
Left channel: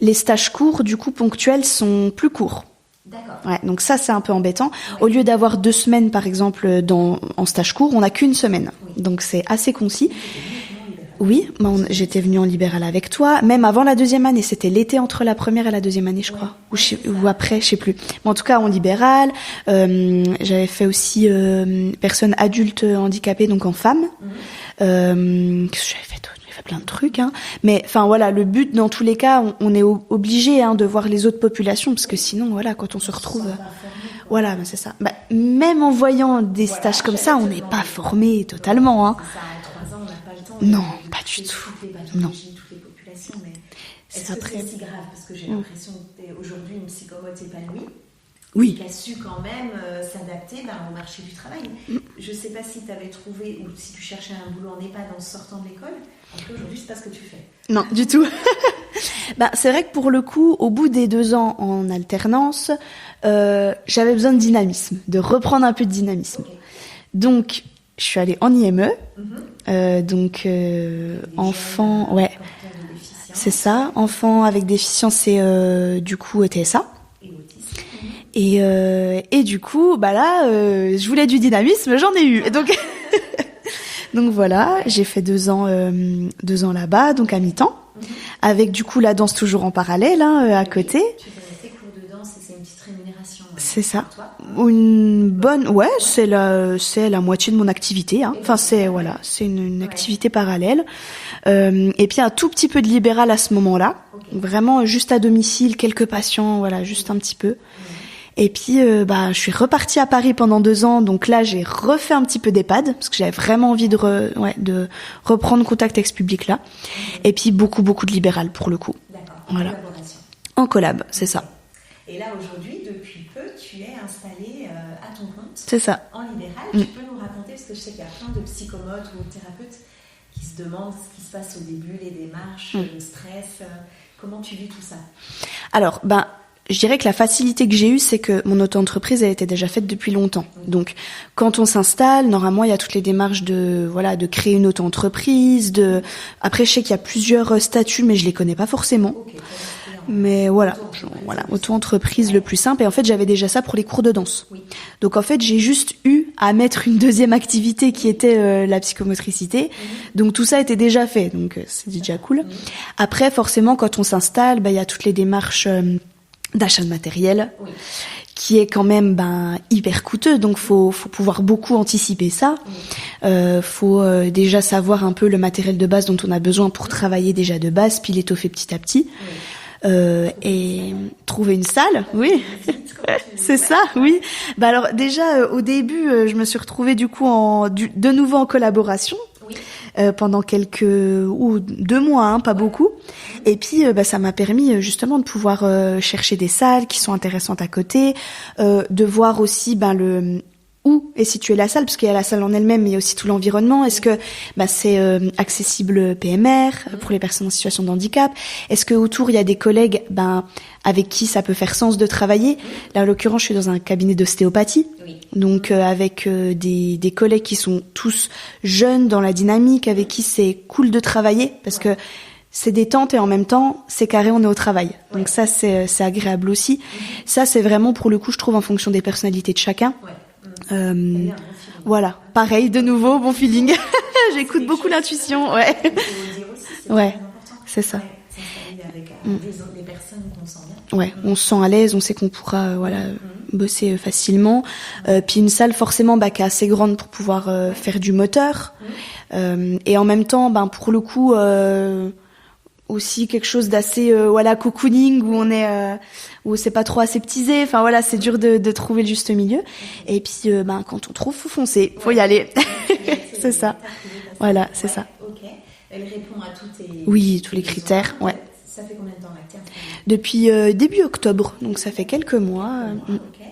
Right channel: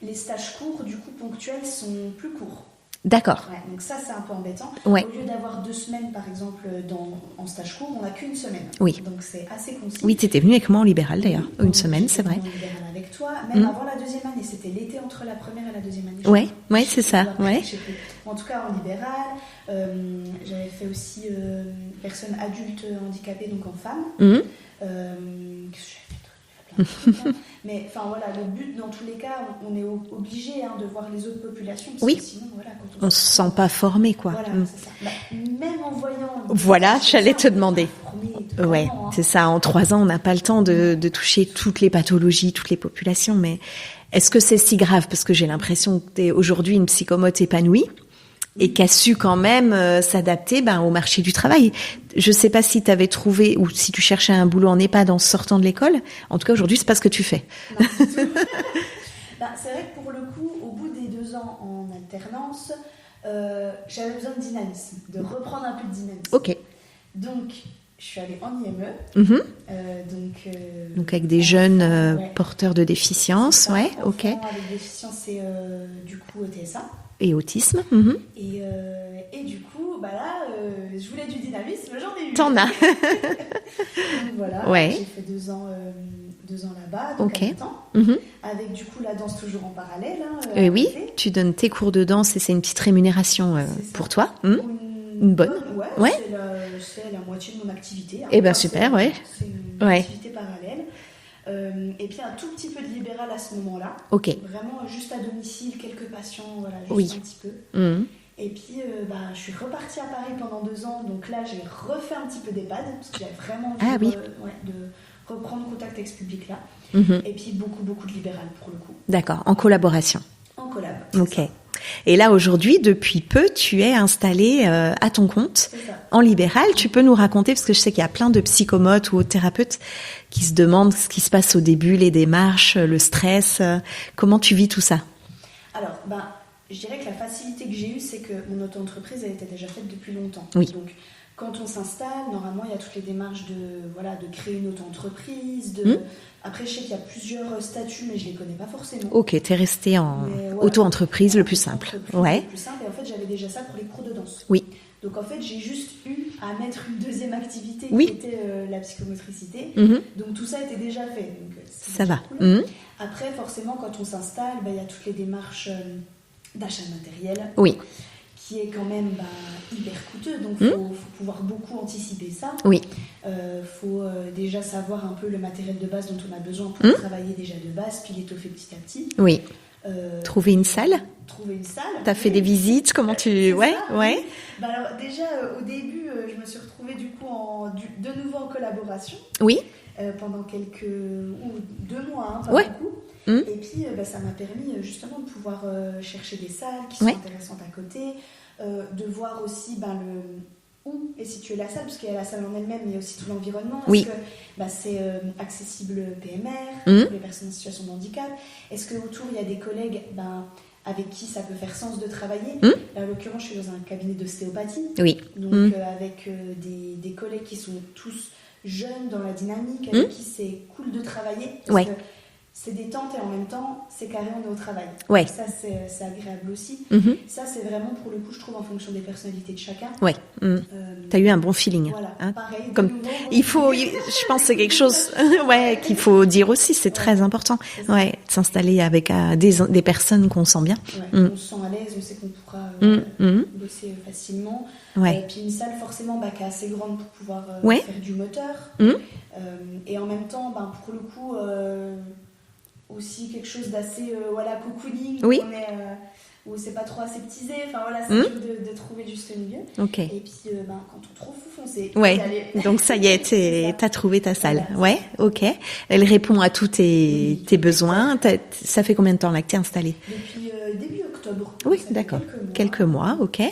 les stages courts, du coup ponctuels, sont plus courts. D'accord. Ouais, donc ça, c'est un peu embêtant. Ouais. Au lieu d'avoir 2 semaines, par exemple, en stage court, on n'a qu'1 semaine. Oui. Donc c'est assez concis. Oui, tu étais venue avec moi en libéral. Oui, j'étais venue en libéral avec toi. Même avant la 2e année, c'était l'été entre la 1re et la 2e année, je crois. Oui, c'est ça. Ou après, je sais plus. Mais en tout cas, en libéral. J'avais fait aussi personnes adultes handicapées, donc en femmes. Qu'est-ce que j'avais fait d'autre? Plein de trucs, hein. Mais enfin voilà, le but dans tous les cas, on est obligé de voir les autres populations parce que sinon voilà, quand on se sent pas formé quoi. Voilà, c'est ça. Même en voyant des stages comme ça, on n'est pas formé totalement. Hein. C'est ça. En 3 ans, on n'a pas le temps de toucher toutes les pathologies, toutes les populations. Mais est-ce que c'est si grave? Parce que j'ai l'impression que t'es aujourd'hui une psychomote épanouie. Et qui a su quand même s'adapter au marché du travail. Je sais pas si tu avais trouvé ou si tu cherchais un boulot en EHPAD en sortant de l'école. En tout cas, aujourd'hui, c'est pas ce que tu fais. Non, du tout. C'est vrai que pour le coup, au bout des 2 ans en alternance, j'avais besoin de dynamisme, de reprendre un peu de dynamisme. Ok. Donc, je suis allée en IME. Donc avec des jeunes porteurs de déficience. C'est ça, enfants avec déficience et du coup TSA. Et autisme. Et du coup, là, je voulais du dynamisme, j'en ai eu. Donc voilà, j'ai fait 2 ans là-bas, donc à mi-temps, avec du coup la danse toujours en parallèle à côté. Tu donnes tes cours de danse et c'est une petite rémunération c'est ça. pour toi. Une bonne, c'est la moitié de mon activité. Hein. C'est une activité parallèle. Et puis un tout petit peu de libéral à ce moment-là. Vraiment juste à domicile, quelques patients, voilà, juste un petit peu. Et puis je suis repartie à Paris pendant 2 ans, donc là j'ai refait un petit peu d'EHPAD parce que j'avais vraiment envie de reprendre contact avec ce public-là. Et puis beaucoup de libéral pour le coup. D'accord, en collaboration. En collab, c'est ça. Et là, aujourd'hui, depuis peu, tu es installée à ton compte. C'est ça. En libéral. Tu peux nous raconter, parce que je sais qu'il y a plein de psychomotes ou autres thérapeutes qui se demandent ce qui se passe au début, les démarches, le stress. Comment tu vis tout ça? Alors, je dirais que la facilité que j'ai eue, c'est que mon auto-entreprise a été déjà faite depuis longtemps. Donc, quand on s'installe, normalement, il y a toutes les démarches de créer une auto-entreprise. Après, je sais qu'il y a plusieurs statuts, mais je les connais pas forcément. Ok, t'es restée en auto-entreprise le plus simple. Auto-entreprise le plus simple. Et en fait, j'avais déjà ça pour les cours de danse. Donc, en fait, j'ai juste eu à mettre une 2e activité qui était la psychomotricité. Donc, tout ça était déjà fait. Donc, c'est déjà cool. Après, forcément, quand on s'installe, il y a toutes les démarches d'achat de matériel, qui est quand même hyper coûteux, donc faut pouvoir beaucoup anticiper ça. Faut déjà savoir un peu le matériel de base dont on a besoin pour travailler déjà de base, puis l'étoffer petit à petit. Trouver une salle. Trouver une salle. T'as fait des visites, comment tu... C'est ça, oui. Bah alors déjà au début, je me suis retrouvée du coup de nouveau en collaboration. Oui. Pendant 2 mois, pas beaucoup. Et puis ça m'a permis justement de pouvoir chercher des salles qui sont intéressantes à côté, de voir aussi où est située la salle, parce qu'il y a la salle en elle-même, mais il y a aussi tout l'environnement. Est-ce que c'est accessible PMR pour les personnes en situation de handicap? Est-ce que autour il y a des collègues avec qui ça peut faire sens de travailler? Là, en l'occurrence, je suis dans un cabinet d'ostéopathie. Oui. Donc avec des collègues qui sont tous jeunes dans la dynamique, avec qui c'est cool de travailler, parce que c'est détente et en même temps, c'est carré, on est au travail. Ouais. Donc ça, c'est agréable aussi. Ça, c'est vraiment, pour le coup, je trouve, en fonction des personnalités de chacun. Ouais. T'as eu un bon feeling. Voilà. Hein. Pareil, de nouveau, bon feeling. Je pense que c'est quelque chose qu'il faut dire aussi. C'est très important. C'est ça. Ouais, de s'installer avec des personnes qu'on sent bien. Ouais. On se sent à l'aise, on sait qu'on pourra bosser facilement. Puis une salle, forcément, qui est assez grande pour pouvoir faire du moteur. Et en même temps, pour le coup... aussi quelque chose d'assez cocooning où on est où c'est pas trop aseptisé, enfin voilà, c'est dur de trouver le juste milieu. Et puis quand on trouve, faut foncer, faut y aller. Donc ça y est, t'as trouvé ta salle. Voilà, ça. OK. Elle répond à tous tes besoins. Ça fait combien de temps là que t'es installée? Depuis début octobre. Donc ça fait quelques mois. OK.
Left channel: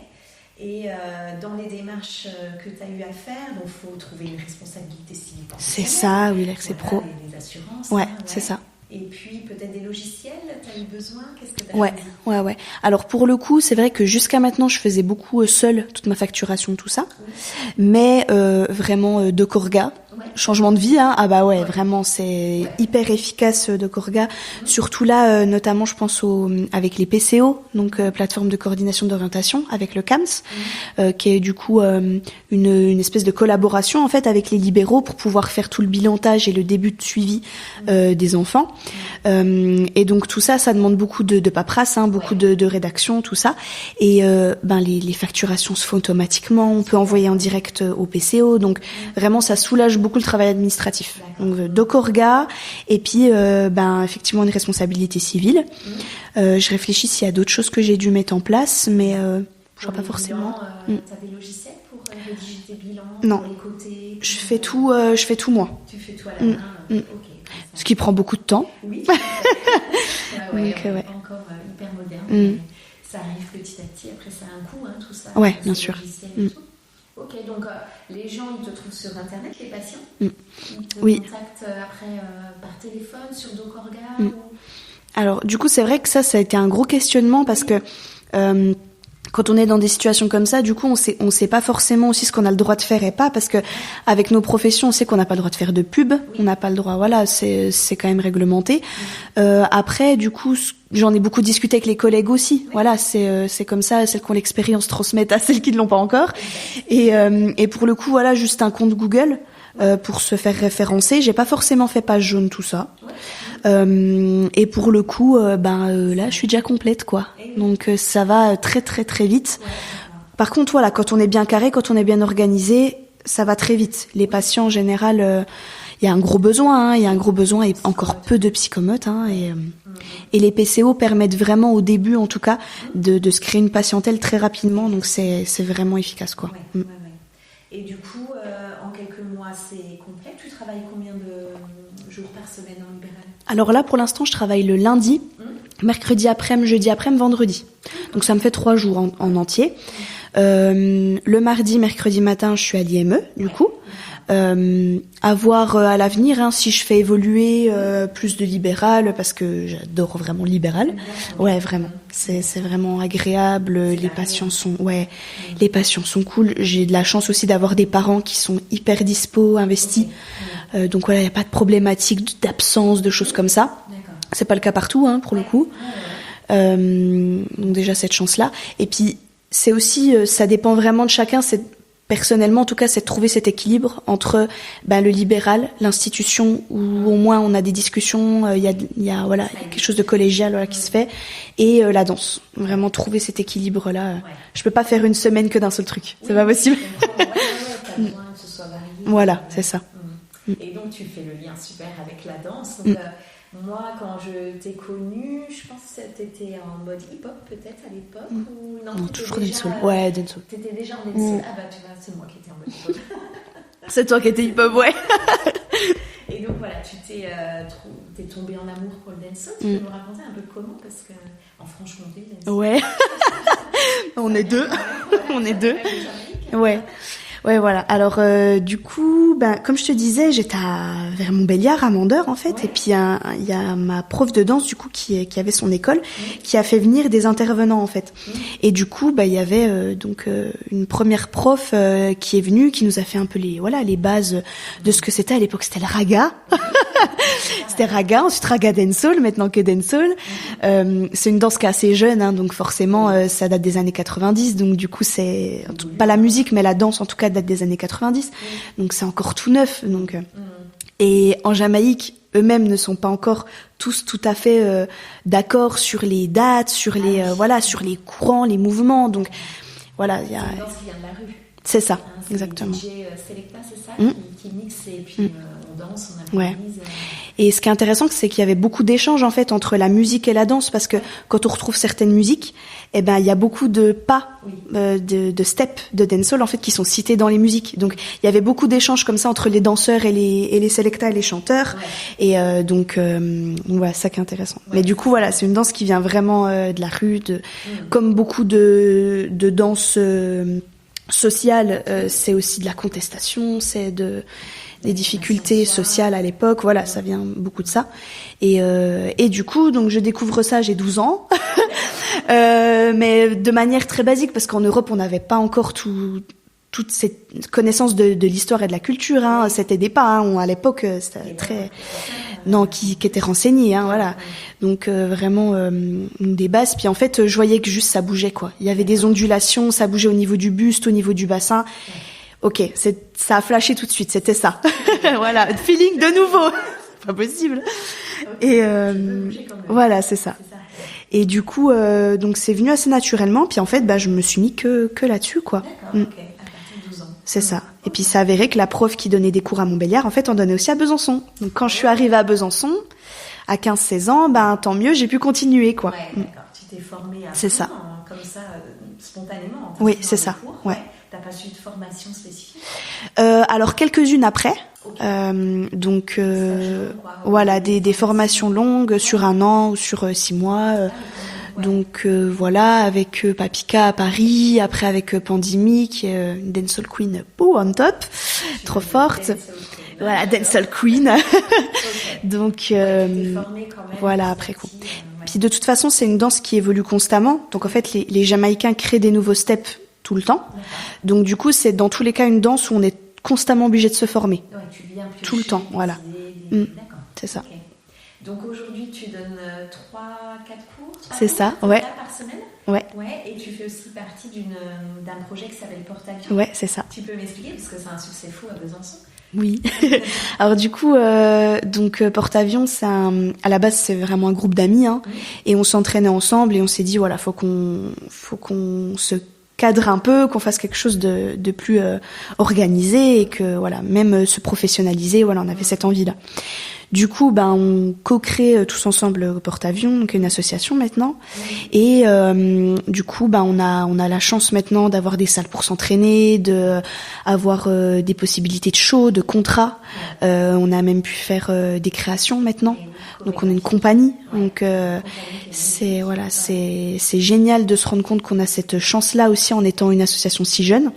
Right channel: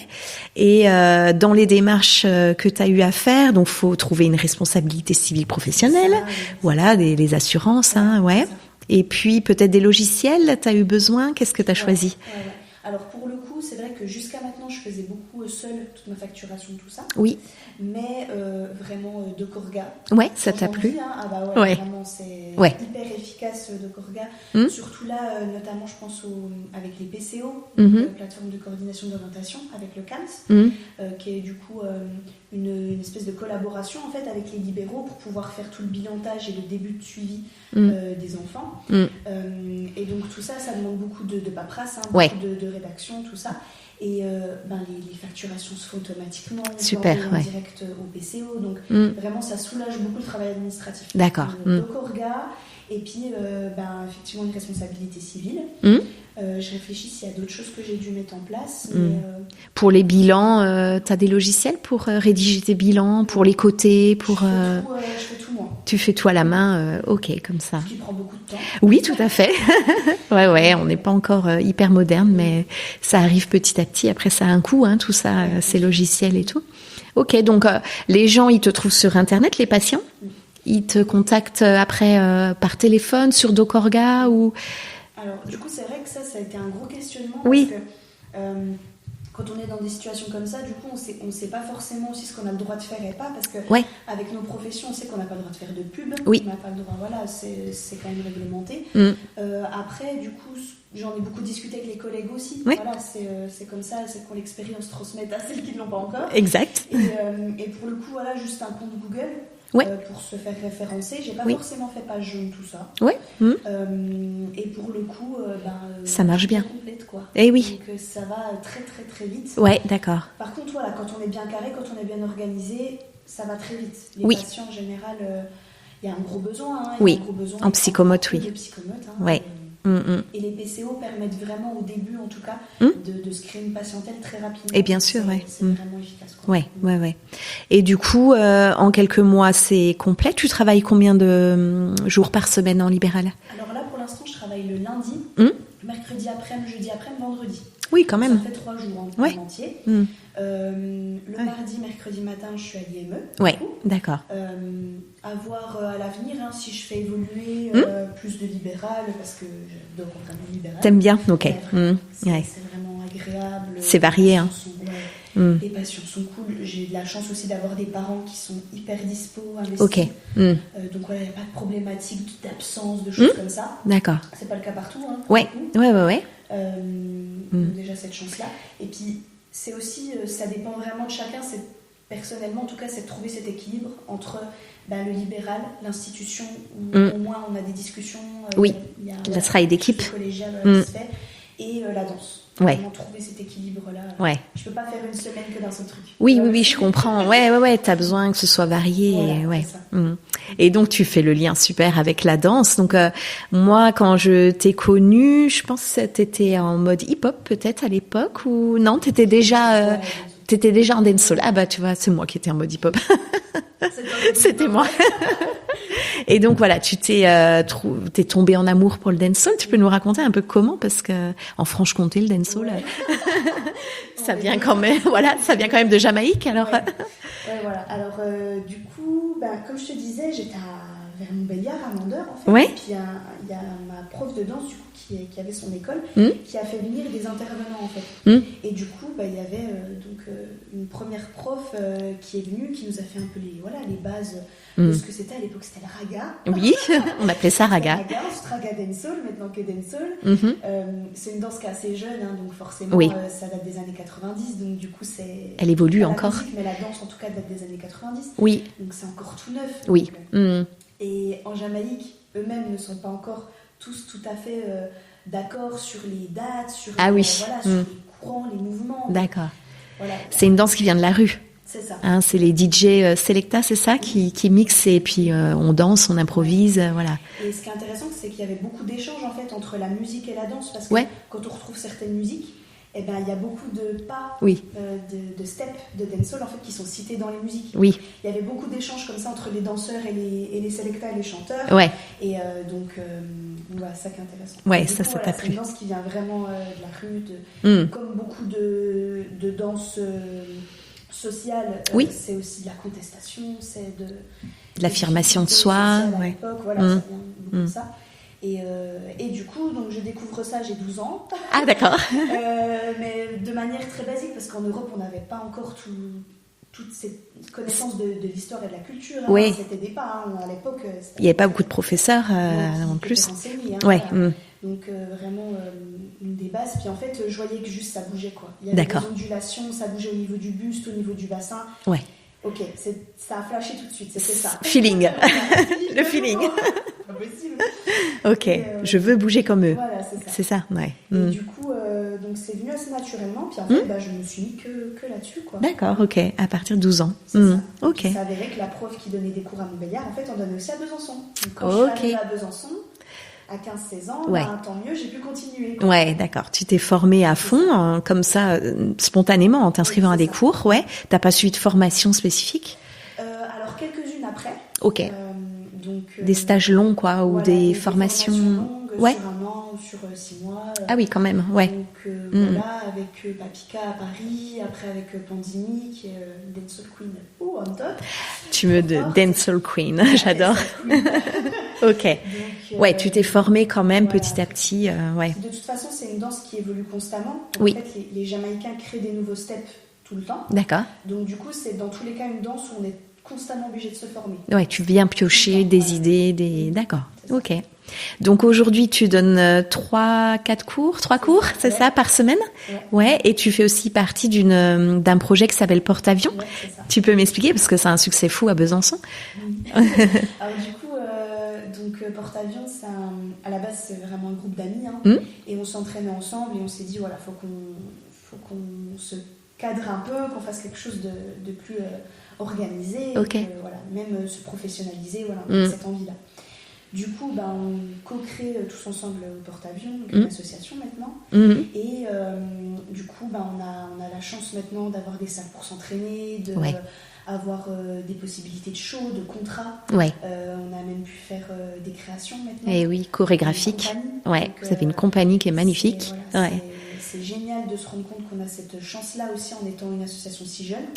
Et dans les démarches que tu as eu à faire, donc faut trouver une responsabilité civile professionnelle. C'est ça, voilà, les assurances, c'est ça. Et puis, peut-être des logiciels, tu as eu besoin? Qu'est-ce que tu as choisi? Ouais. Alors, pour le coup, c'est vrai que jusqu'à maintenant, je faisais beaucoup seule, toute ma facturation, tout ça. Oui. Mais vraiment, DocOrga. Ouais. Changement de vie, hein. Ah bah ouais, vraiment, c'est hyper efficace, DocOrga. Surtout là, notamment, je pense avec les PCO, donc plateforme de coordination d'orientation, avec le CAMS, qui est du coup une espèce de collaboration, en fait, avec les libéraux pour pouvoir faire tout le bilantage et le début de suivi des enfants. Et donc tout ça demande beaucoup de paperasse, beaucoup de rédaction, tout ça. Et les facturations se font automatiquement, on peut envoyer en direct au PCO, donc vraiment ça soulage beaucoup le travail administratif. D'accord. DocOrga, et puis effectivement une responsabilité civile. Je réfléchis s'il y a d'autres choses que j'ai dû mettre en place, mais... Pour les bilans, tu as des logiciels pour rédiger tes bilans, pour les coter, pour... Je fais tout moi. Tu fais tout à la main, OK, comme ça. Ce qui prend beaucoup de temps. Oui, tout à fait. Donc, on n'est pas encore hyper moderne, mais ça arrive petit à petit. Après, ça a un coût, tout ça, ces logiciels et tout. OK, donc les gens, ils te trouvent sur Internet, les patients. Ils te contactent après par téléphone, sur DocOrga ou... Alors, du coup, c'est vrai que ça a été un gros questionnement parce que... quand on est dans des situations comme ça, du coup, on sait pas forcément aussi ce qu'on a le droit de faire et pas, parce que avec nos professions, on sait qu'on n'a pas le droit de faire de pub, on n'a pas le droit, c'est quand même réglementé. Après, du coup, j'en ai beaucoup discuté avec les collègues aussi. Voilà, c'est comme ça, celles qui ont l'expérience transmettent à celles qui ne l'ont pas encore. Exact. Et pour le coup, voilà, juste un compte Google. Pour se faire référencer, j'ai pas forcément fait page jaune, tout ça. Et pour le coup, là, je suis déjà complète, quoi. Donc ça va très très très vite. Ouais, d'accord. Par contre, voilà, quand on est bien carré, quand on est bien organisé, ça va très vite. Les patients en général, il y a un gros besoin, il y a un gros besoin et encore peu de psychomotes. Et les PCO permettent vraiment, au début en tout cas, de se créer une patientèle très rapidement. Et bien sûr, c'est vraiment efficace, quoi. Ouais. Et du coup, en quelques mois, c'est complet. Tu travailles combien de jours par semaine en libéral? Alors là, pour l'instant, je travaille le lundi, mercredi après-midi, jeudi après-midi, vendredi. Oui, quand Donc même. ça me fait 3 jours en entier. Le mardi, mercredi matin, je suis à l'IME, du coup. D'accord. À voir à l'avenir, si je fais évoluer plus de libéral, parce que j'adore vraiment le libéral. T'aimes bien? Ouais, vraiment. C'est vraiment agréable. C'est varié. Les patients sont cool. J'ai de la chance aussi d'avoir des parents qui sont hyper dispo, investis. Donc voilà, il n'y a pas de problématique d'absence, de choses comme ça. D'accord. C'est pas le cas partout, pour le coup. Donc déjà cette chance-là. Et puis c'est aussi, ça dépend vraiment de chacun. C'est personnellement, en tout cas, c'est de trouver cet équilibre entre le libéral, l'institution, où au moins on a des discussions, il y a voilà, quelque chose de collégial qui se fait, et la danse. Vraiment trouver cet équilibre-là. Je peux pas faire une semaine que d'un seul truc. Oui, je comprends. Ouais, t'as besoin que ce soit varié. Voilà, c'est ça. Et donc, tu fais le lien super avec la danse. Donc, moi, quand je t'ai connue, je pense que t'étais en mode hip-hop, peut-être, à l'époque, ou non, t'étais déjà en dancehall. Ah bah, tu vois, c'est moi qui étais en mode hip-hop. C'est toi qui étais hip-hop, ouais. Et donc, voilà, t'es tombée en amour pour le dancehall. Tu peux nous raconter un peu comment? Parce que, en Franche-Comté, le dancehall. Ouais. ça vient quand même, ça vient quand même de Jamaïque. Alors. Ouais, voilà. Alors, du coup, comme je te disais, j'étais vers Montbéliard, à Mandeur, en fait. Ouais. Et puis, il y a ma prof de danse, du coup, qui avait son école, qui a fait venir des intervenants, en fait. Et du coup, il y avait une première prof qui est venue, qui nous a fait un peu les bases de ce que c'était. À l'époque, c'était le raga. Oui, on appelait ça raga. C'était raga, ensuite raga dancehall, maintenant que dancehall. C'est une danse qui est assez jeune, hein, donc forcément, ça date des années 90. Donc, du coup, elle évolue pas encore. la musique, mais la danse, en tout cas, date des années 90. Oui. Donc c'est encore tout neuf. Oui. Donc, et en Jamaïque, eux-mêmes ne sont pas encore tous tout à fait d'accord sur les dates, sur sur les courants, les mouvements. Donc, voilà. C'est une danse qui vient de la rue. C'est ça. Hein, c'est les DJ Selecta, c'est ça, qui mixent et puis on danse, on improvise, voilà. Et ce qui est intéressant, c'est qu'il y avait beaucoup d'échanges en fait entre la musique et la danse, parce que quand on retrouve certaines musiques, il y a beaucoup de pas, de steps de dancehall en fait qui sont cités dans les musiques. Donc il y avait beaucoup d'échanges comme ça entre les danseurs et les Selecta et les chanteurs. Ouais. Et donc voilà, ça qui est intéressant. Ouais, et du coup voilà, c'est une danse qui vient vraiment de la rue, comme beaucoup de danses sociales. C'est aussi de la contestation, c'est de l'affirmation de soi sociale à l'époque. Voilà, ça vient beaucoup de ça. Et du coup, donc je découvre ça, j'ai 12 ans. Ah d'accord. Mais de manière très basique, parce qu'en Europe, on n'avait pas encore toute cette connaissance de l'histoire et de la culture. Hein. C'était des pas. Hein. À l'époque, il n'y avait pas beaucoup de professeurs qui étaient renseignés. Hein, voilà. Donc vraiment des bases. Puis en fait, je voyais que juste ça bougeait, quoi. Il y avait des ondulations, ça bougeait au niveau du buste, au niveau du bassin. Ouais. Ok, ça a flashé tout de suite, c'était ça. Feeling. Voilà, feeling de nouveau. Pas possible. Ok, je veux bouger comme eux. Voilà, c'est ça. C'est ça, ouais. Et du coup, donc c'est venu assez naturellement. Puis en fait, je me suis mis que là-dessus, quoi. D'accord, ok, à partir de 12 ans. C'est ça. Et puis ça avéré que la prof qui donnait des cours à Montbéliard, en fait, en donnait aussi à Besançon. Donc quand je suis arrivée à Besançon, à 15-16 ans, tant mieux, j'ai pu continuer, quoi. Ouais, d'accord. Tu t'es formée à fond, comme ça, spontanément, en t'inscrivant à des cours. Ouais. T'as pas suivi de formation spécifique? Alors, quelques-unes après. Ok. Donc, des stages longs, quoi. Ou voilà, des formations longues sur 1 an ou sur 6 mois. Ah oui, quand même. Ouais. Donc, voilà, avec Papika à Paris, après avec Pandemic, Dancehall Queen, on top. Tu trop forte. Dancehall Queen. J'adore. Dancehall Queen. Ok. Donc, tu t'es formée quand même petit à petit. Puis de toute façon, c'est une danse qui évolue constamment. Donc en fait, les Jamaïcains créent des nouveaux steps tout le temps. D'accord. Donc du coup, c'est dans tous les cas une danse où on est constamment obligé de se former. Ouais, tu viens piocher des idées, D'accord. C'est ça. Ok. Donc aujourd'hui, tu donnes 3-4 cours, 3 cours, c'est ça, par semaine? Ouais. Et tu fais aussi partie d'un projet qui s'appelle Porte-Avions. Ouais, c'est ça. Tu peux m'expliquer parce que c'est un succès fou à Besançon. Oui. Alors du coup, Porte-Avions, à la base, c'est vraiment un groupe d'amis, hein, et on s'entraînait ensemble et on s'est dit voilà, faut qu'on se cadre un peu, qu'on fasse quelque chose de plus organisé et que voilà, même se professionnaliser. Voilà, on avait cette envie-là. Du coup, on co-crée tous ensemble Porte-Avions, donc une association maintenant. Et du coup, on a la chance maintenant d'avoir des salles pour s'entraîner, avoir des possibilités de shows, de contrats. On a même pu faire des créations maintenant. Et oui, chorégraphique. Une compagnie. Donc, c'est une compagnie qui est magnifique. C'est génial de se rendre compte qu'on a cette chance-là aussi en étant une association si jeune.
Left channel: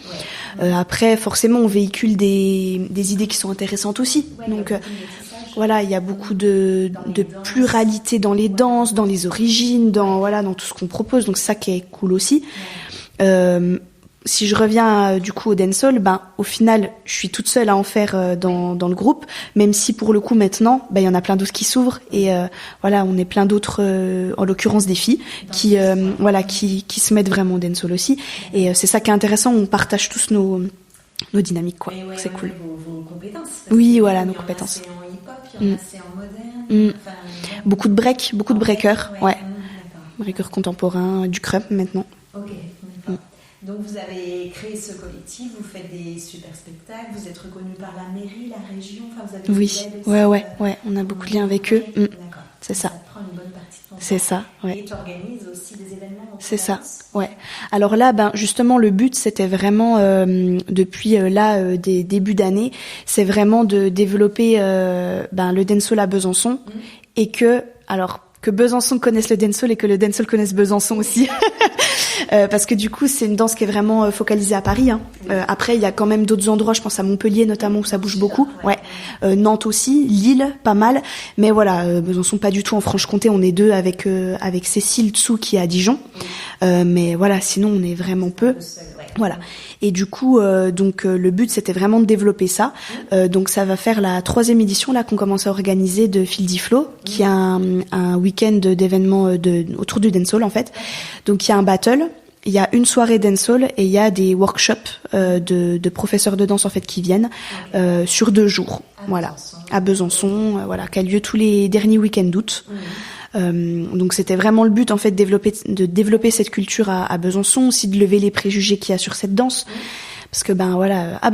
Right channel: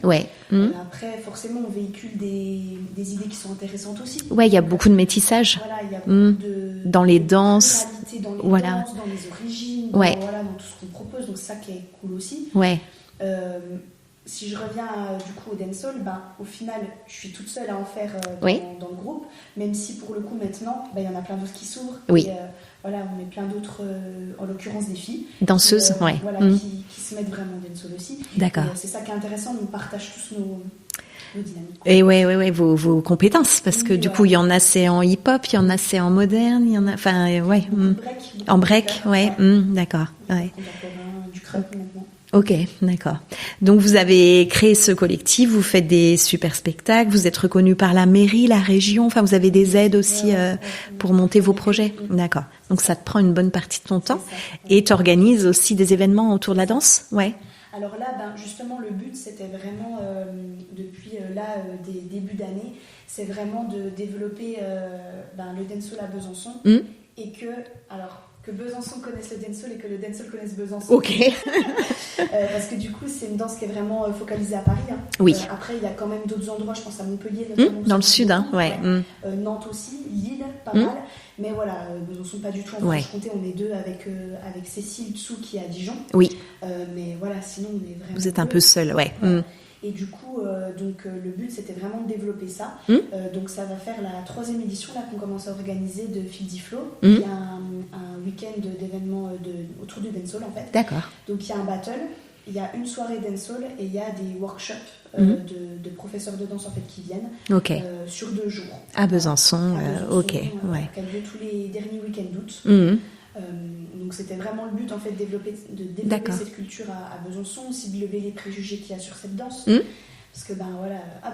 Après, forcément, on véhicule des idées qui sont intéressantes aussi. Ouais, il y a beaucoup de métissage. Voilà, il y a beaucoup de pluralité dans les danses, dans les origines, dans tout ce qu'on propose. Donc c'est ça qui est cool aussi. Si je reviens du coup au dancehall, au final, je suis toute seule à en faire dans le groupe, même si pour le coup maintenant, il y en a plein d'autres qui s'ouvrent et voilà, on est plein d'autres, en l'occurrence des filles, qui se mettent vraiment au dancehall aussi. Et c'est ça qui est intéressant, on partage tous nos dynamiques, quoi. Et vos compétences, parce que du coup, il y en a c'est en hip-hop, il y en a c'est en moderne, il y en a, enfin, beaucoup de break, beaucoup en de break, breakers, d'accord. breakers contemporains, du crump maintenant. Ok, d'accord. Donc vous avez créé ce collectif, vous faites des super spectacles, vous êtes reconnu par la mairie, la région, enfin vous avez des aides aussi pour monter vos projets. D'accord. Donc ça te prend une bonne partie de ton temps. C'est ça. Et tu organises aussi des événements autour de la danse. Ouais. Alors là, justement, le but c'était vraiment depuis des débuts d'année, c'est vraiment de développer le dancehall à Besançon et que Besançon connaisse le dancehall et que le dancehall connaisse Besançon aussi. Parce que du coup, c'est une danse qui est vraiment focalisée à Paris. Hein. Oui. Après, il y a quand même d'autres endroits, je pense à Montpellier notamment, où ça bouge beaucoup. Nantes aussi, Lille, pas mal. Mais voilà, Besançon pas du tout. En Franche-Comté, on est deux avec Cécile Tsou qui est à Dijon. Oui. Mais voilà, sinon, on est vraiment Vous êtes un peu seul, Voilà. Et du coup, le but, c'était vraiment de développer ça. Donc, ça va faire la 3e édition là qu'on commence à organiser de Fieldy Flow, qui est un week-end d'événements autour du dancehall en fait. D'accord. Donc, il y a un battle. Il y a une soirée dancehall et il y a des workshops de professeurs de danse en fait qui viennent sur 2 jours à Besançon. À Besançon, qui a lieu tous les derniers week-ends d'août. Donc c'était vraiment le but en fait de développer cette culture à Besançon, aussi de lever les préjugés qu'il y a sur cette danse. Parce que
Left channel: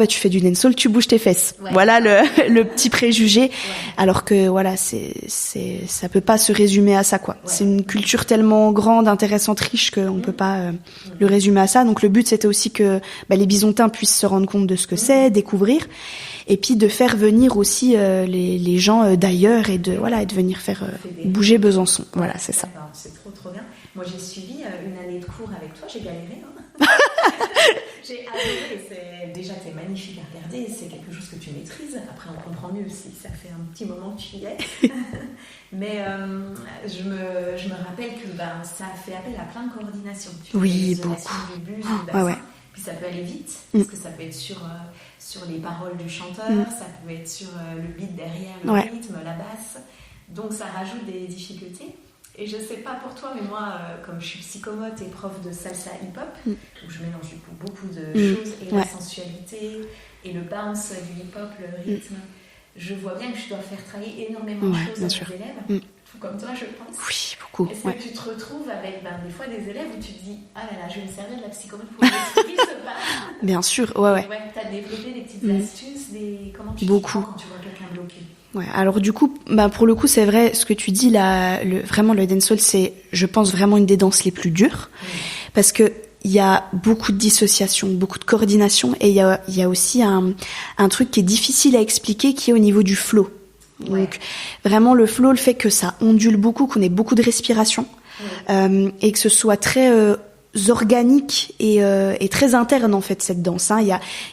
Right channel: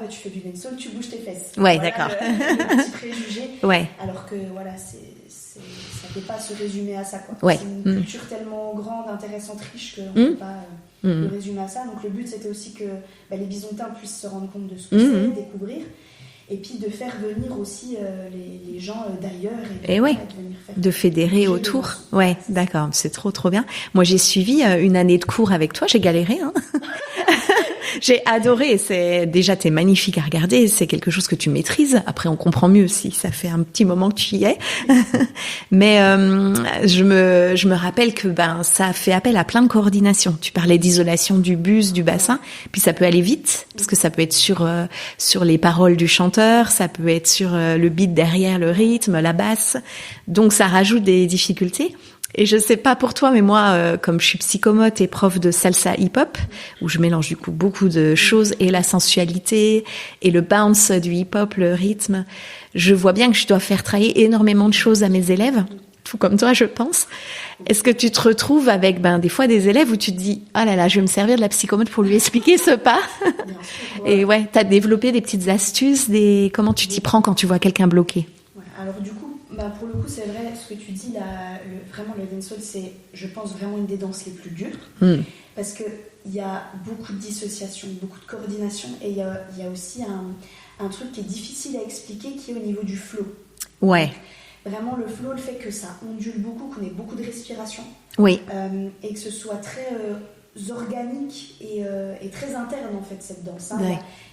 tu fais du dancehall, tu bouges tes fesses. Voilà le petit préjugé. Alors que ça peut pas se résumer à ça quoi. C'est une culture tellement grande, intéressante, riche qu'on peut pas le résumer à ça. Donc le but c'était aussi que les Bisontins puissent se rendre compte de ce que c'est, découvrir. Et puis de faire venir aussi les gens d'ailleurs et de venir faire de fédérer bouger autour. Besançon. C'est d'accord, c'est trop bien. Moi j'ai suivi une année de cours avec toi, j'ai galéré hein. J'ai adoré, t'es magnifique à regarder, c'est quelque chose que tu maîtrises. Après on comprend mieux si ça fait un petit moment que tu y es. Mais je me rappelle que ça fait appel à plein de coordination. Tu parlais d'isolation du bus, du bassin, puis ça peut aller vite parce que ça peut être sur les paroles du chanteur, ça peut être sur le beat derrière, le rythme, la basse. Donc ça rajoute des difficultés. Et je sais pas pour toi, mais moi, comme je suis psychomote et prof de salsa hip-hop, où je mélange du coup beaucoup de choses, et la sensualité, et le bounce du hip-hop, le rythme, je vois bien que je dois faire travailler énormément de choses à mes élèves, tout comme toi, je pense. Est-ce que tu te retrouves avec des fois des élèves où tu te dis « Ah là là, je vais me servir de la psychomote pour lui expliquer ce pas ?» Bien sûr. Et t'as développé des petites astuces, comment tu t'y prends quand tu vois quelqu'un bloqué? Alors du coup, pour le coup, c'est vrai, ce que tu dis là, vraiment le dancehall, c'est, je pense, vraiment une des danses les plus dures, parce que il y a beaucoup de dissociation, beaucoup de coordination, et il y a aussi un truc qui est difficile à expliquer, qui est au niveau du flow. Donc, vraiment le flow, le fait que ça ondule beaucoup, qu'on ait beaucoup de respiration, et que ce soit très organique et très interne en fait cette danse.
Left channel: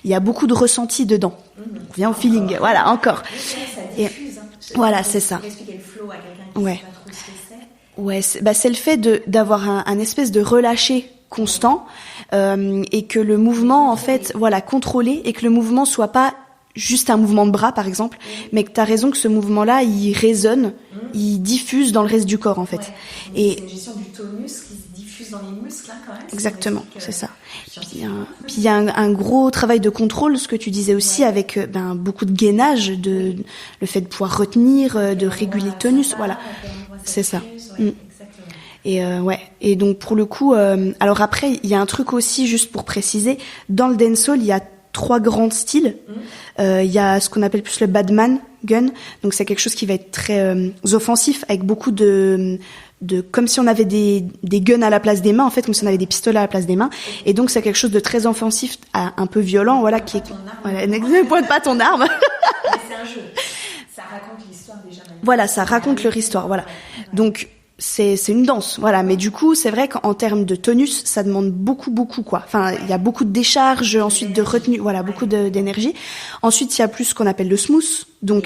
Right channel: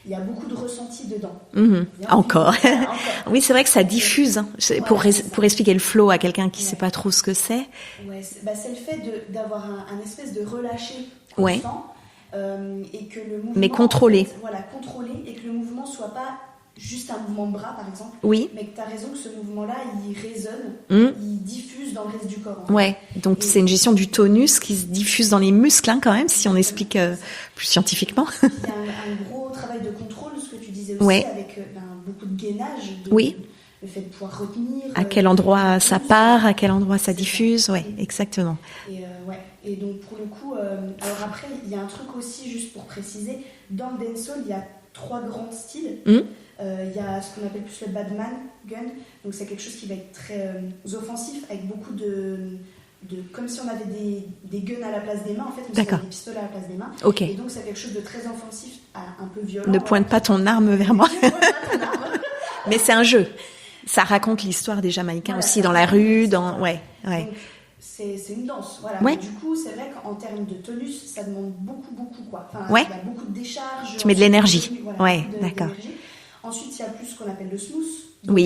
Il y a beaucoup de ressenti dedans. On vient encore. Encore. Oui, c'est vrai que ça diffuse. Pour expliquer le flow à quelqu'un qui sait pas trop ce que c'est. C'est le fait d'avoir un espèce de relâché constant et que le mouvement contrôlé et que le mouvement soit pas juste un mouvement de bras par exemple, mais que tu as raison que ce mouvement-là il résonne, il diffuse dans le reste du corps en fait. Donc c'est une gestion du tonus qui se diffuse dans les muscles quand même, si on explique plus scientifiquement. Puis il y a un gros travail de contrôle, ce que tu disais aussi, avec beaucoup de gainage, le fait de pouvoir retenir à quel endroit ça part, à quel endroit ça diffuse, exactement. Et donc pour le coup, alors après il y a un truc aussi juste pour préciser, dans le dancehall il y a 3 grands styles. Il y a ce qu'on appelle plus le badman gun, donc c'est quelque chose qui va être très offensif, avec beaucoup de comme si on avait des guns à la place des mains, en fait, comme si on avait des pistolets à la place des mains. Et donc c'est quelque chose de très offensif, un peu violent. Ne pointe pas ton arme. Ne pointe pas ton arme. Mais c'est un jeu. Ça raconte l'histoire des Jamaïcains. Voilà, aussi ça dans raconte la rue, leur histoire. Donc c'est une danse, mais du coup c'est vrai qu'en termes de tonus ça demande beaucoup quoi. Enfin il y a beaucoup de décharge, de l'énergie, beaucoup d'énergie. Ensuite il y a plus ce qu'on appelle le smooth, donc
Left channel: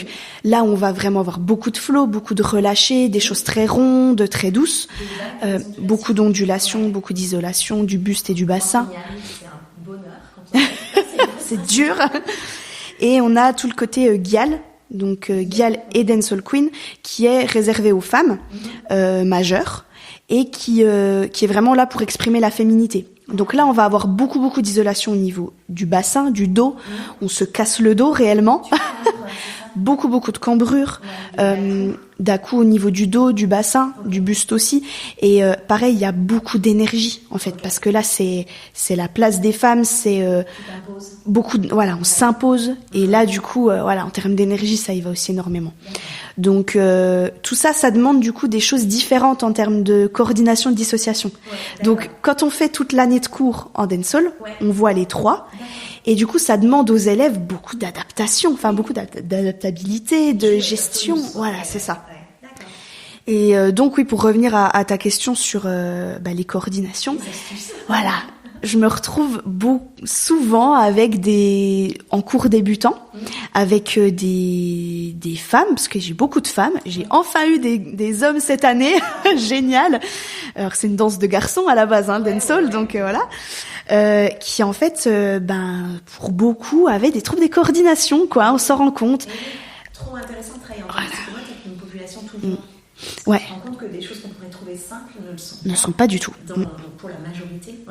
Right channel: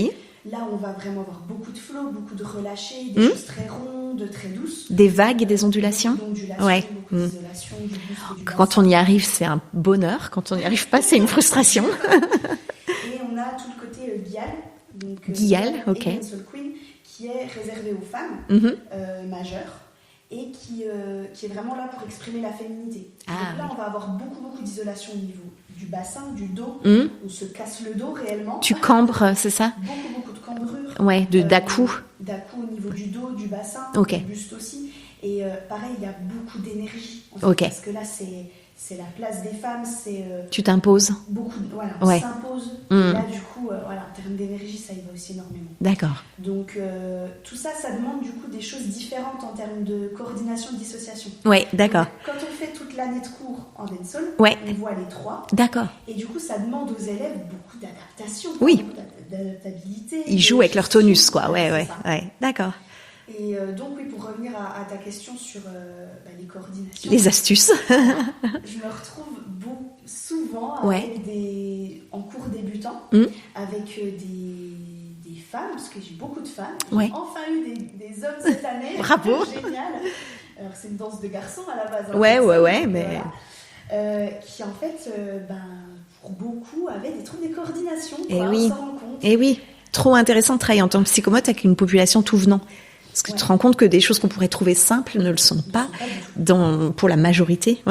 là on va vraiment avoir beaucoup de flow, beaucoup de relâché, des choses très rondes, très douces, des vagues, des ondulations, beaucoup d'ondulations, beaucoup d'isolation du buste et du bassin. Quand on y arrive c'est un bonheur, quand on n'y arrive pas c'est une frustration. Et on a tout le côté gyal. Donc Gyal et Dancehall Queen, qui est réservé aux femmes majeures. et qui est vraiment là pour exprimer la féminité. Donc là, on va avoir beaucoup d'isolation au niveau du bassin, du dos. On se casse le dos réellement. Tu cambres, c'est ça? Beaucoup de cambrures. Ouais, d'à-coups. D'à-coups au niveau du dos, du bassin, du buste aussi. Et pareil, il y a beaucoup d'énergie en fait, parce que là, c'est la place des femmes. Tu t'imposes. On s'impose. Et là, du coup, en termes d'énergie, ça y va aussi énormément. D'accord. Donc tout ça, ça demande du coup des choses différentes en termes de coordination, de dissociation. Ouais, d'accord. Donc quand on fait toute l'année de cours en dancehall, on voit les 3. D'accord. Et du coup, ça demande aux élèves beaucoup d'adaptation, beaucoup d'adaptabilité. Ils jouent avec leur tonus, quoi. C'est ça. Ouais, d'accord. Et donc oui, pour revenir à ta question sur les coordinations, les astuces. Voilà, je me retrouve souvent avec en cours débutant, avec des femmes, parce que j'ai beaucoup de femmes. J'ai enfin eu des hommes cette année, génial. Alors c'est une danse de garçons à la base, dancehall, donc voilà. Qui en fait, pour beaucoup, avaient des troubles de coordination, quoi. On s'en rend compte. Et oui. Trop intéressant de travailler en tant que psychomote avec une population tout venant. Parce que tu te rends compte que des choses qu'on pourrait trouver simples ne le sont pas. Ne sont pas du tout. Pour la majorité.